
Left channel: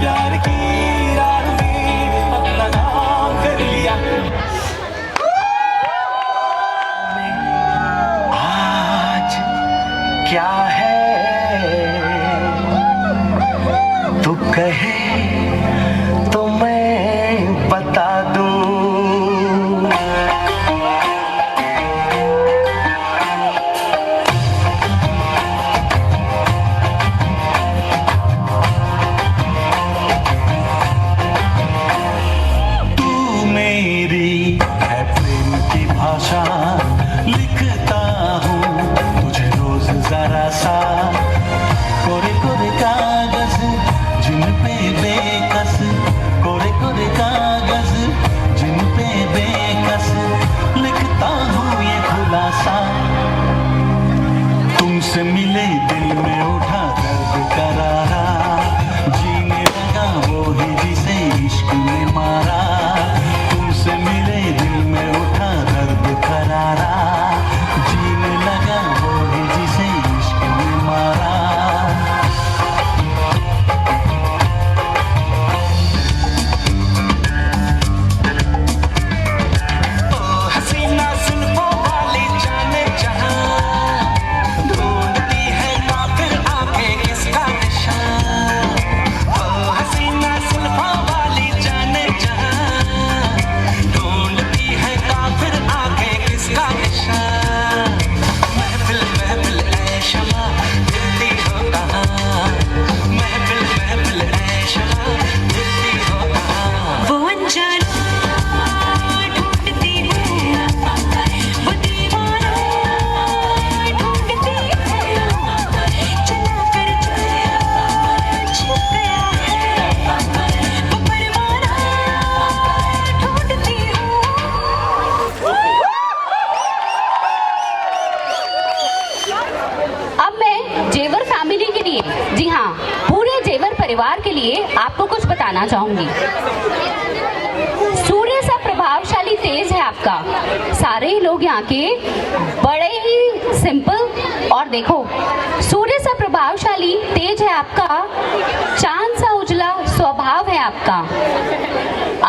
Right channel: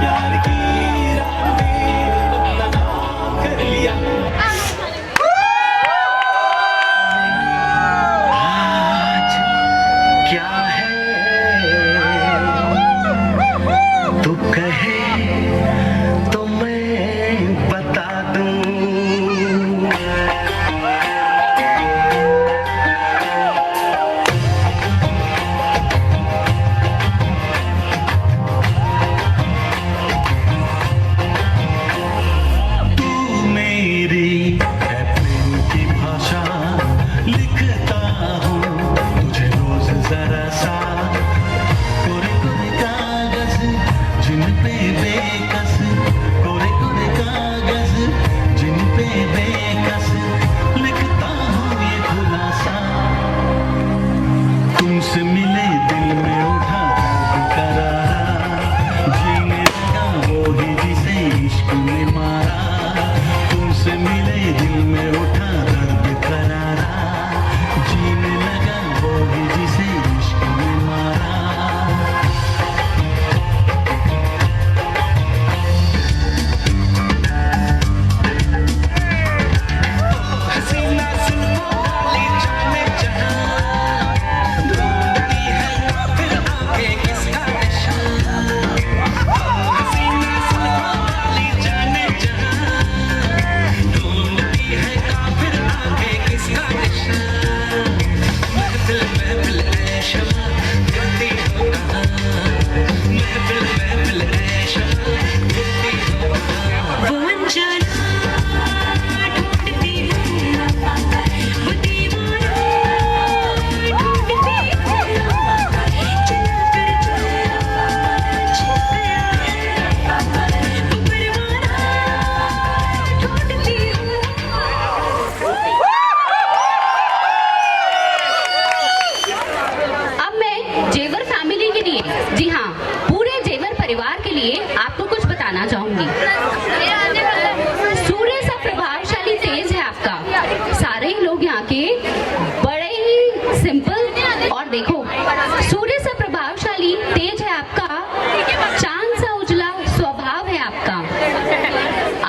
प्यार की राह में अपना नाम कर लिया आज क्या है तू कहे तो मैं बता दूं तू मेरी है प्रेम की भाषा लिखता हूँ तुझे रोज जरा सा कोरे कोरे कागज जिन पे बेकस कोरे कोरे कागज जिन पे बेकस लिखता हूँ ये खुलासा तुमसे मिले दिल में उठा दर्द करारा जीने लगा वो ही जिसे इश्क ने मारा तुमसे मिले दिल में उठा दर्द करारा जीने लगा वो ही जिसे इश्क ने मारा हसीना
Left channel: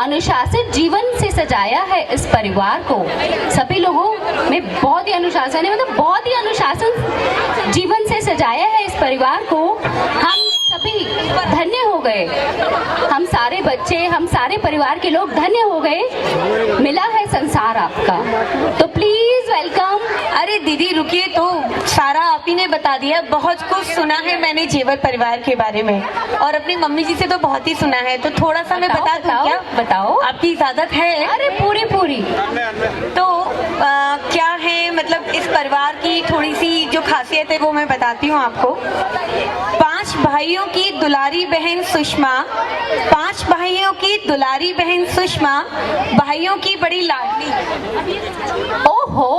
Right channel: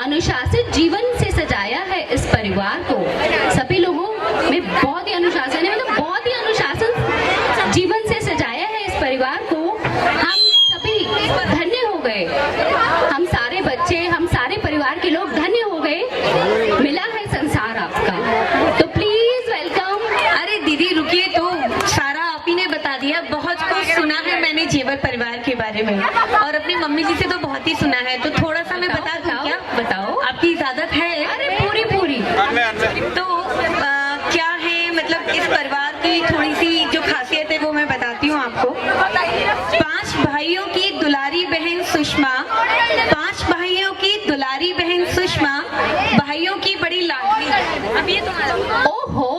अनुशासित जीवन से सजाया है इस परिवार को। सभी लोगों में बहुत ही अनुशासन है, मतलब बहुत ही अनुशासन जीवन से सजाया है इस परिवार को। हम सभी धन्य हो गए, हम सारे बच्चे, हम सारे परिवार के लोग धन्य हो गए। मिला है संसार आपका, तो प्लीज वेलकम। अरे दीदी रुकिए, तो सारा आप ही ने बता दिया। बहुत कुछ सुना है मैंने जेवर परिवार के बारे में, और अपनी मम्मी जी से तो बहुत ही सुना है। तो थोड़ा सा मैं बता दूं क्या? बताओ, आपकी इजाजत है? अरे पूरी पूरी। तो क्या है, मतलब इस परिवार की थोड़ी सी जो खासियत है वो मैं बताती हूँ आपको। 5 भाइयों की दुलारी बहन सुषमा, 5 भाइयों की दुलारी बहन सुषमा, भाइयों की बड़ी लाडली। ओहो,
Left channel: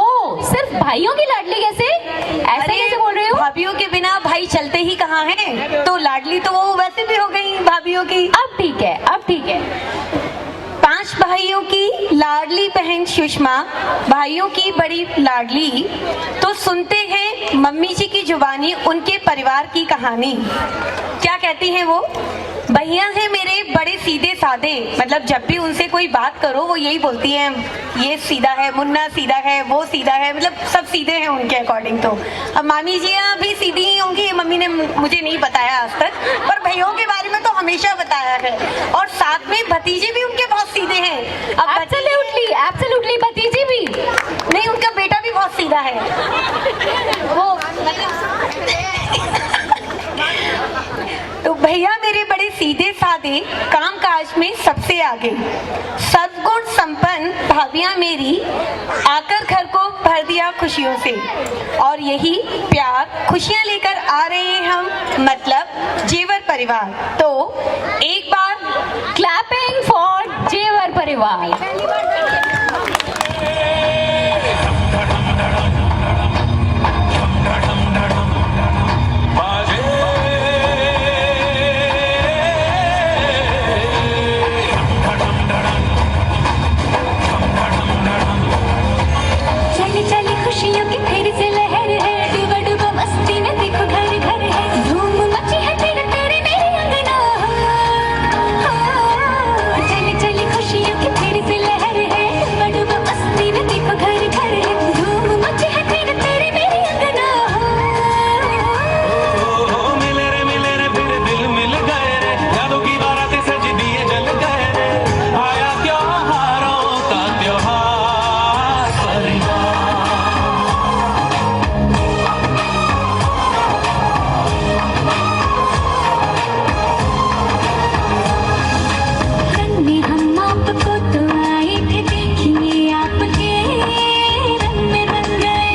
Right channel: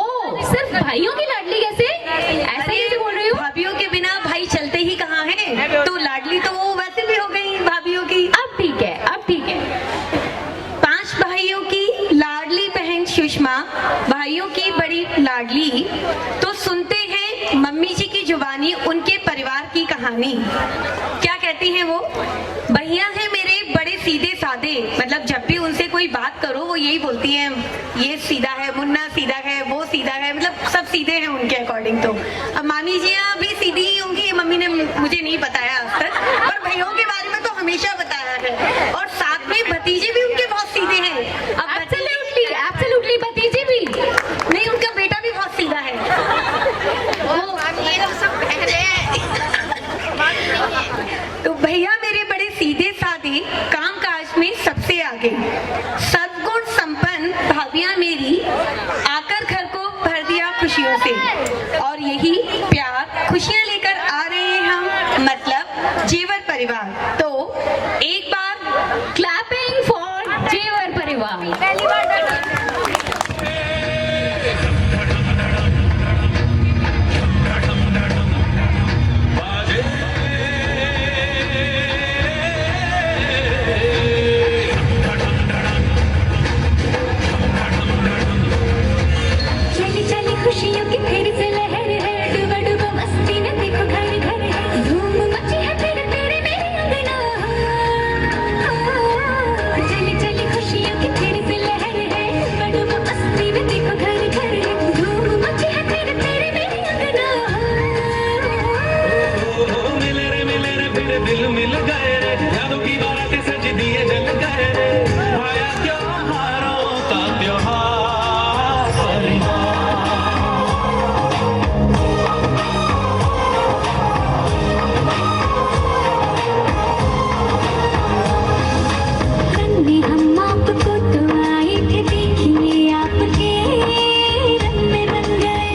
सिर्फ भाइयों की लाडली कैसे? ऐसे कैसे बोल रहे हो? भाभियों के बिना भाई चलते ही कहाँ हैं, तो लाडली तो वो वैसे भी हो गई भाभियों की। अब ठीक है, अब ठीक है। 5 भाइयों की लाडली बहन सुषमा, भाइयों की बड़ी लाडली। तो सुनते हैं मम्मी जी की जुबानी उनके परिवार की कहानी। क्या कहती हैं वो? भैया हैं मेरे बड़े सीधे साधे, मतलब जब भी उनसे कोई बात करो वो यही बोलती हैं, ये सीधा है, मुन्ना सीधा है, वो सीधा है, मतलब सब सीधे हैं उनके अकॉर्डिंग। तो अब मामी जी भी सीधी ही होंगी, मम्मी ने मुझे नहीं बताया आज तक, पर भैयों के बारे में तो हमेशा बताया है। और साथ में भतीजे भी उनके बहुत सीधे हैं। अब एब्सोल्युटली, एब्सोल्युटली, भतीजी भी नहीं, उनका बेटा भी बहुत सीधा है। वो तो भैया मेरे बड़े सीधे साधे, काम काज में सबसे आगे, सद्गुण संपन्न भाभियां मेरी, आकर घर को भर दिया खुशियों से। और यही प्यार खुशियां लेकर आ रहे हैं हम, मतलब जेवर परिवार। तो एक बार क्लैपिंग फॉर जेवर परिवार। चली चली खुशियों की फिर से लहर है, डूबा डूबा मस्ती में देखो घर घर है, धूम मची है तेरे तेरे मेरे अंगना। चली चली खुशियों की फिर से लहर है, डूबा डूबा मस्ती में देखो घर घर है, धूम मची है तेरे तेरे मेरे अंगना। मिले रे फिर दिल मिल गए रे, यादों की बारात सज दिए जल गए रे, आया त्योहारों का त्योहार रंग में हम आपको तो आए थे, देखिए आपके रंग में बन गए,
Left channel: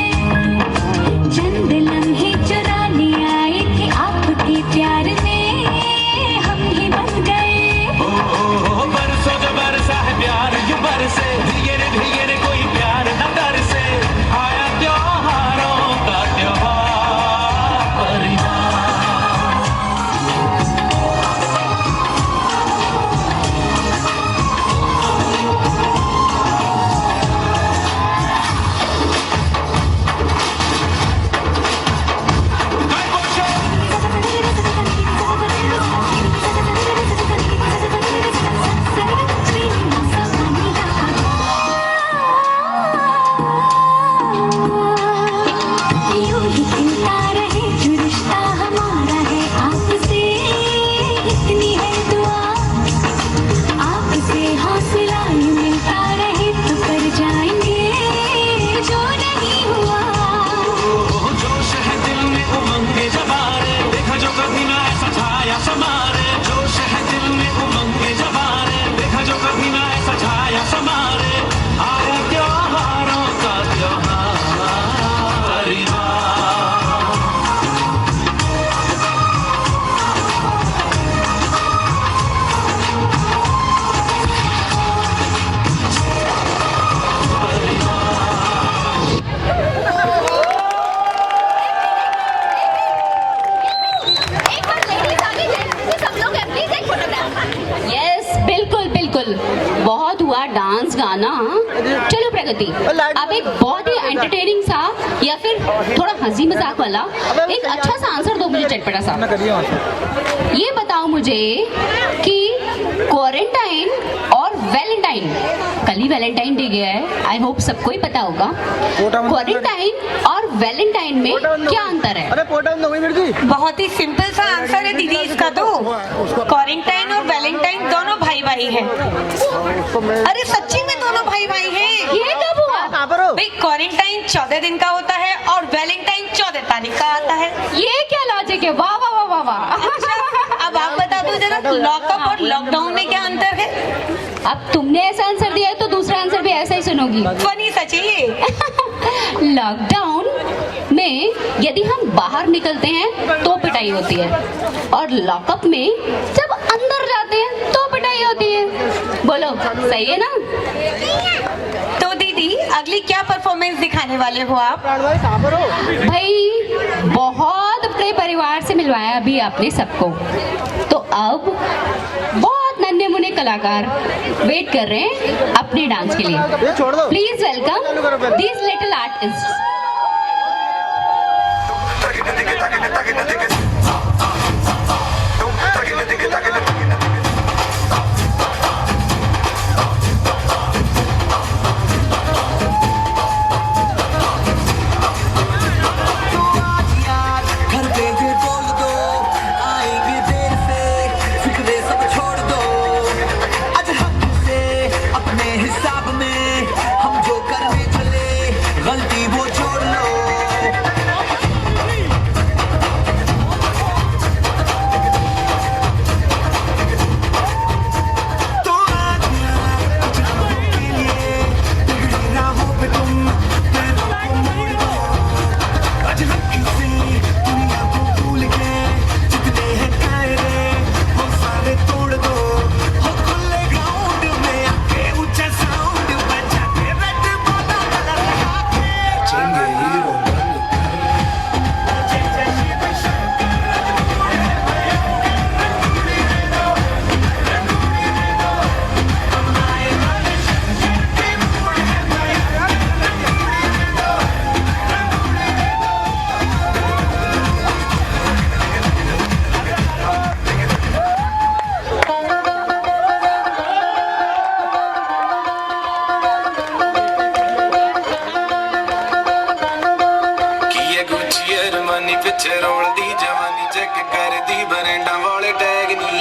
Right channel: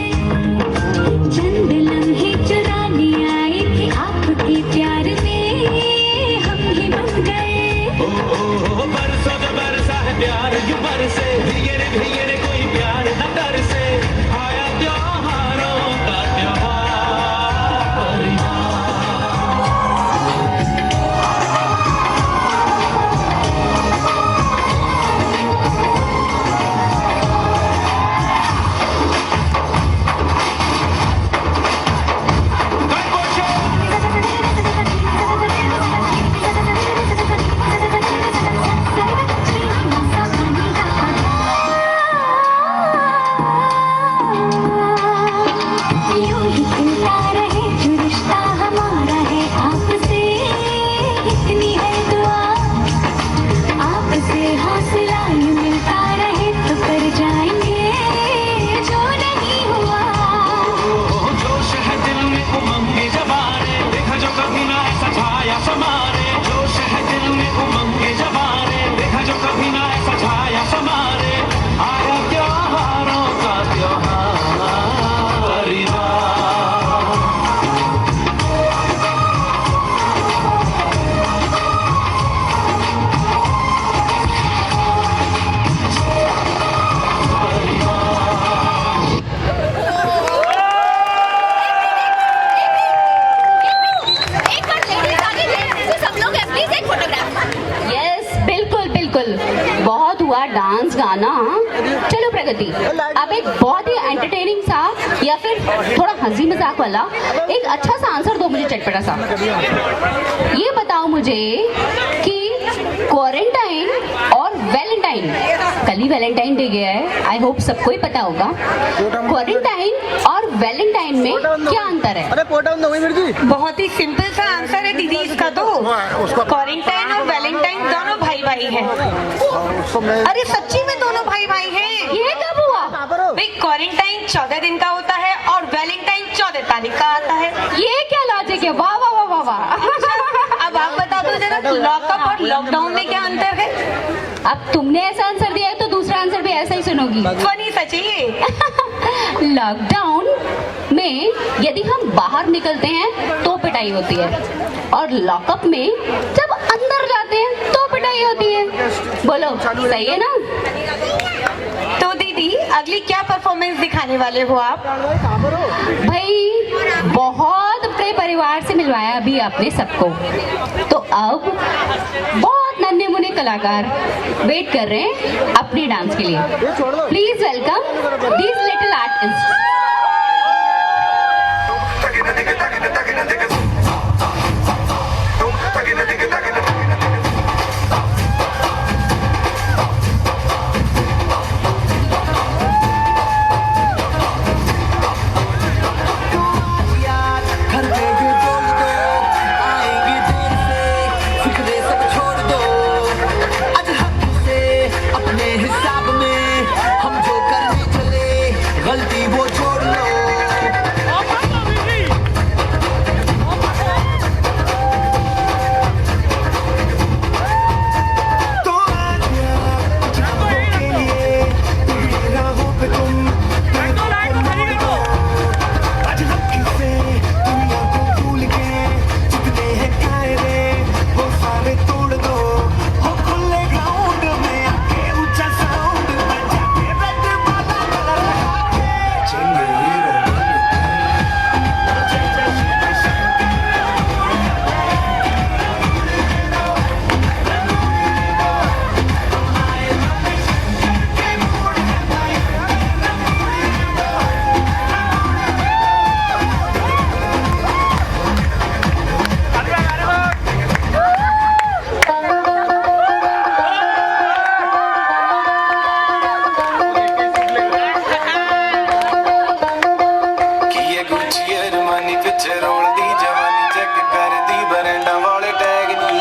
चंद लम्हे चुराने आए थे, आपके प्यार में हम ही बन गए। बरसों का बरसा है प्यार ये बरसे, धीरे रे कोई प्यार न तरसे, आया त्योहारों का त्योहार। यूं ही खिलता रहे जो रिश्ता हमारा है आपसे, इतनी है दुआ, आपसे हौसला यूं मिलता रहे तो कर जाएंगे जो नहीं हुआ। जोश है दिल में उमंग के जवारे, देखा जो कभी ना ऐसा छाया समारे, जोश है दिल में उमंग के जवारे, देखा जो कभी ना ऐसा छाया समारे, आया त्योहारों का त्योहार परिवार। एक बार लेडीज आगे जेंट्स सब लोग प्लीज एक फोटोग्राफ। यस, बिल्कुल बिल्कुल, बहुत हुआ डांस गाना। चलो प्रगति, अब एक बहुत ही एंटरटेनिंग सा या फिर थोड़ा हंसी मजाक वाला एक अच्छा सा आंसर दो मुझे, चटपटा सा। ये बताओ मुझे कि क्वारंटाइन और वेल क्वारंटाइन, कल ही वैलेंटाइन डे गया है, आई होप सबको ही पता होगा। क्वारंटाइन और वैलेंटाइन में क्या अंतर है? अरे पोटा वही मिर्ची। बहुत ही सिंपल सा आंसर है दीदी इसका तो। क्वारंटाइन और वैलेंटाइन दोनों भाई भाई हैं। अरे सच्ची में दोनों भाई भाई हैं। ये कब हुआ? भाई क्वारंटाइन 14 दिन का होता है और वैलेंटाइन 14 तारीख का आता है। ये क्या लॉजिक है? वाह वाह वाह वाह वाह। अब आप बता दो जरा, लॉकअप और लॉकडाउन में क्या अंतर है? अब तुमने ऐसा आंसर दिया है तो दूसरा आंसर भी ऐसा ही सुनोगी। फनी सच है ये। लॉकडाउन में यदि हम बाहर निकलते हैं तो पिटाई होती है, और लॉकअप में जब अंदर जाते हैं तो पिटाई होती है। बोलो सही है ना? तो दीदी अगली क्या परफॉर्मेंस दिखाने वाले हो आप? भाई बहुत अपने परिवार से मिलवाया अभी आपने सबको, तो अब बहुत नन्हे मुन्ने कलाकार वेट कर रहे हैं अपने डांस के लिए। Please welcome these little artist. घर पे ये बोल दो, आएंगे देर से, फिक्रे सब छोड़ दो। आज हक से अपने हिसाब में हम जो करने चले, गलती वो छोड़ लो। तो आज यार जामों के लिए बिगड़ी राहों पे तुम पैरों को मोड़ दो। आज हक से दुनिया को भूल के जितने हैं कायदे वो सारे तोड़ दो। हो खुले ग्राउंड में आके ऊंचा साउंड बजा के रेड बाबा कलर लगा के चेंगे हीरो ਕੀਏ ਗੁੱਚੀ ਅਰਮਾਨੀ ਪਿੱਛੇ ਰੋਲਦੀ ਜਵਾਨੀ ਚੈੱਕ ਕਰਦੀ ਬਰੈਂਡਾਂ ਵਾਲੇ ਟੈਗ ਨੀ।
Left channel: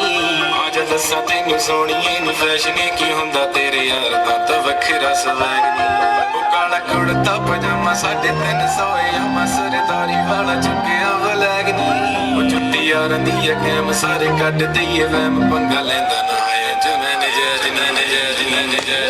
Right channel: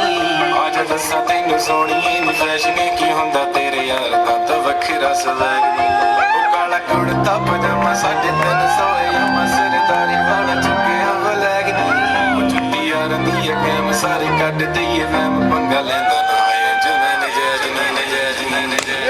ਅੱਜ ਦੱਸਾਂ ਤੈਨੂੰ ਸੋਹਣੀਏ ਨੀ ਫੈਸ਼ਨ ਕੀ ਹੁੰਦਾ ਤੇਰੇ ਯਾਰ ਦਾ ਤਾਂ ਵੱਖਰਾ ਸਵੈਗ ਨੀ। ਉਹ ਕਾਲਾ ਕੁੜਤਾ ਪਜਾਮਾ 350 ਯਾਮਾ ਸਰਦਾਰੀ ਵਾਲਾ ਚੁੱਕਿਆ ਬਲੈਗ ਨੀ। ਉਹ ਛੁੱਟੀ ਯਾਰਾਂ ਦੀ ਆ ਕੈਮ ਸਾਰੇ ਕੱਢ ਦਈਏ ਵਹਿਮ ਪੰਗਾ ਲੈਂਦਾ ਨਾ ਹੈ ਜਿਵੇਂ ਨਜਾਇਜ਼ ਨੀ ਨਜਾਇਜ਼ ਨੀ ਨਜਾਇਜ਼।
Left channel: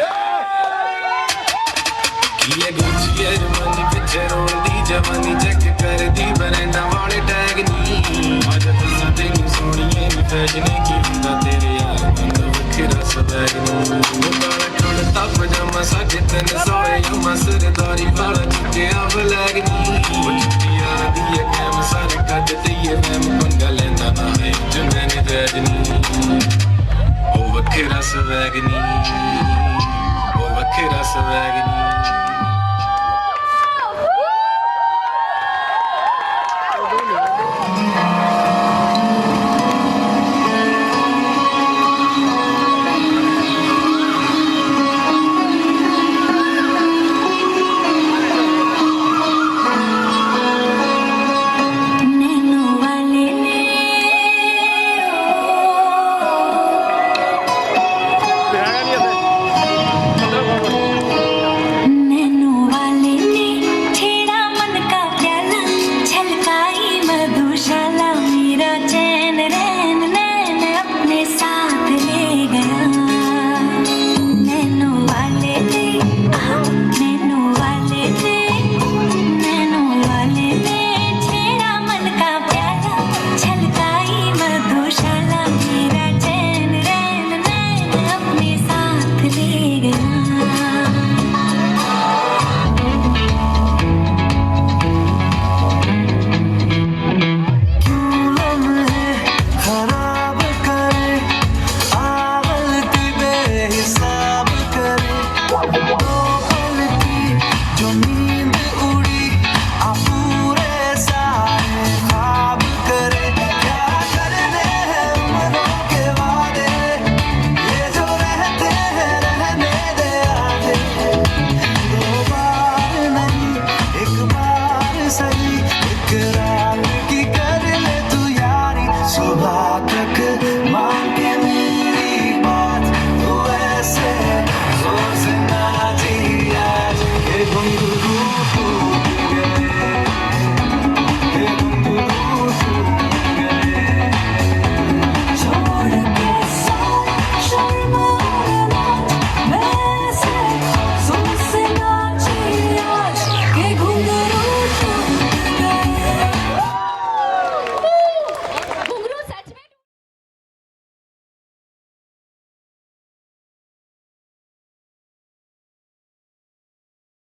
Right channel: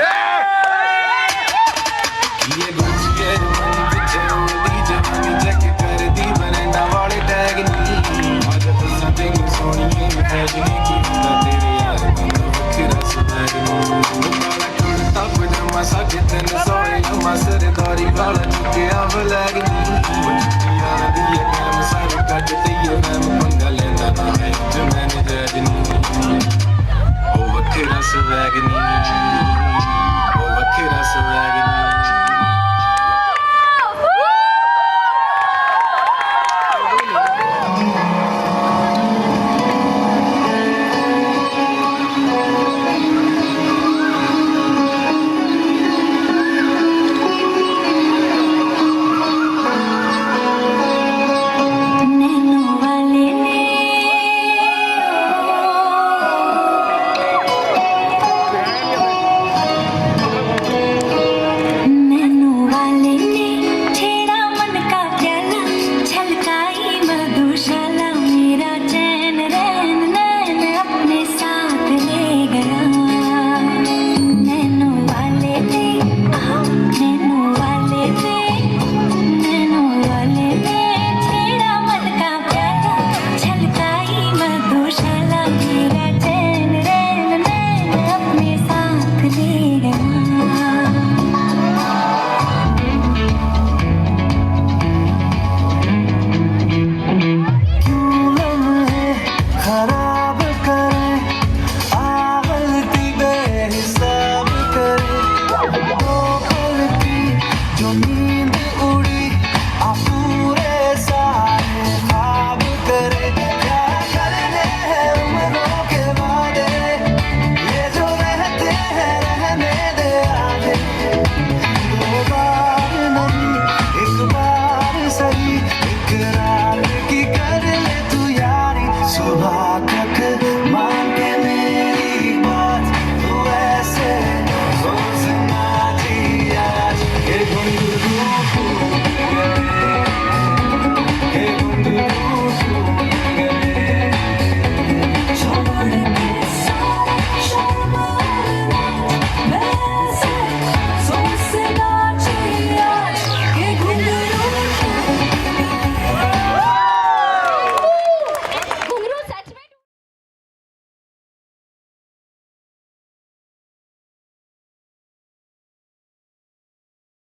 ਕੀਏ ਗੁੱਚੀ ਅਰਮਾਨੀ ਪਿੱਛੇ ਰੋਲਦੀ ਜਵਾਨੀ ਚੈੱਕ ਕਰਦੀ ਬਰੈਂਡਾਂ ਵਾਲੇ ਟੈਗ ਨੀ। ਅੱਜ ਦੱਸਾਂ ਤੈਨੂੰ ਸੋਹਣੀਏ ਨੀ ਫੈਸ਼ਨ ਕੀ ਹੁੰਦਾ ਤੇਰੇ ਯਾਰ ਦਾ ਵੱਖਰਾ ਸਵੈਗ ਨੀ। ਉਹ ਕਾਲਾ ਕੁੜਤਾ ਪਜਾਮਾ 350 ਯਾਮਾ ਸਰਦਾਰੀ ਵਾਲਾ ਚੁੱਕਿਆ ਬਲੈਗ ਨੀ। ਉਹ ਛੁੱਟੀ ਯਾਰਾਂ ਦੀ ਆ ਕੈਮ ਸਾਰੇ ਕੱਢ ਦਈਏ ਵਹਿਮ ਪੰਗਾ ਲੈਂਦਾ ਨਾ ਹੈ ਜਿਵੇਂ ਨਜਾਇਜ਼ ਨੀ। ਉਹ ਵੱਖਰਾ ਸਵੈਗ ਨੀ, ਉਹ ਵੱਖਰਾ ਸਵੈਗ ਨੀ। नैनो वाले नैनो वाले ने छेड़ा मन का प्याला, छलकाई मधुशाला, मेरा चैन रैन नैन अपने साथ ले गया। नैनो वाले ने नैनो वाले ने नैनो वाले ने छेड़ा मन का प्याला, छलकाई मधुशाला, मेरा चैन रैन नैन अपने साथ ले गया।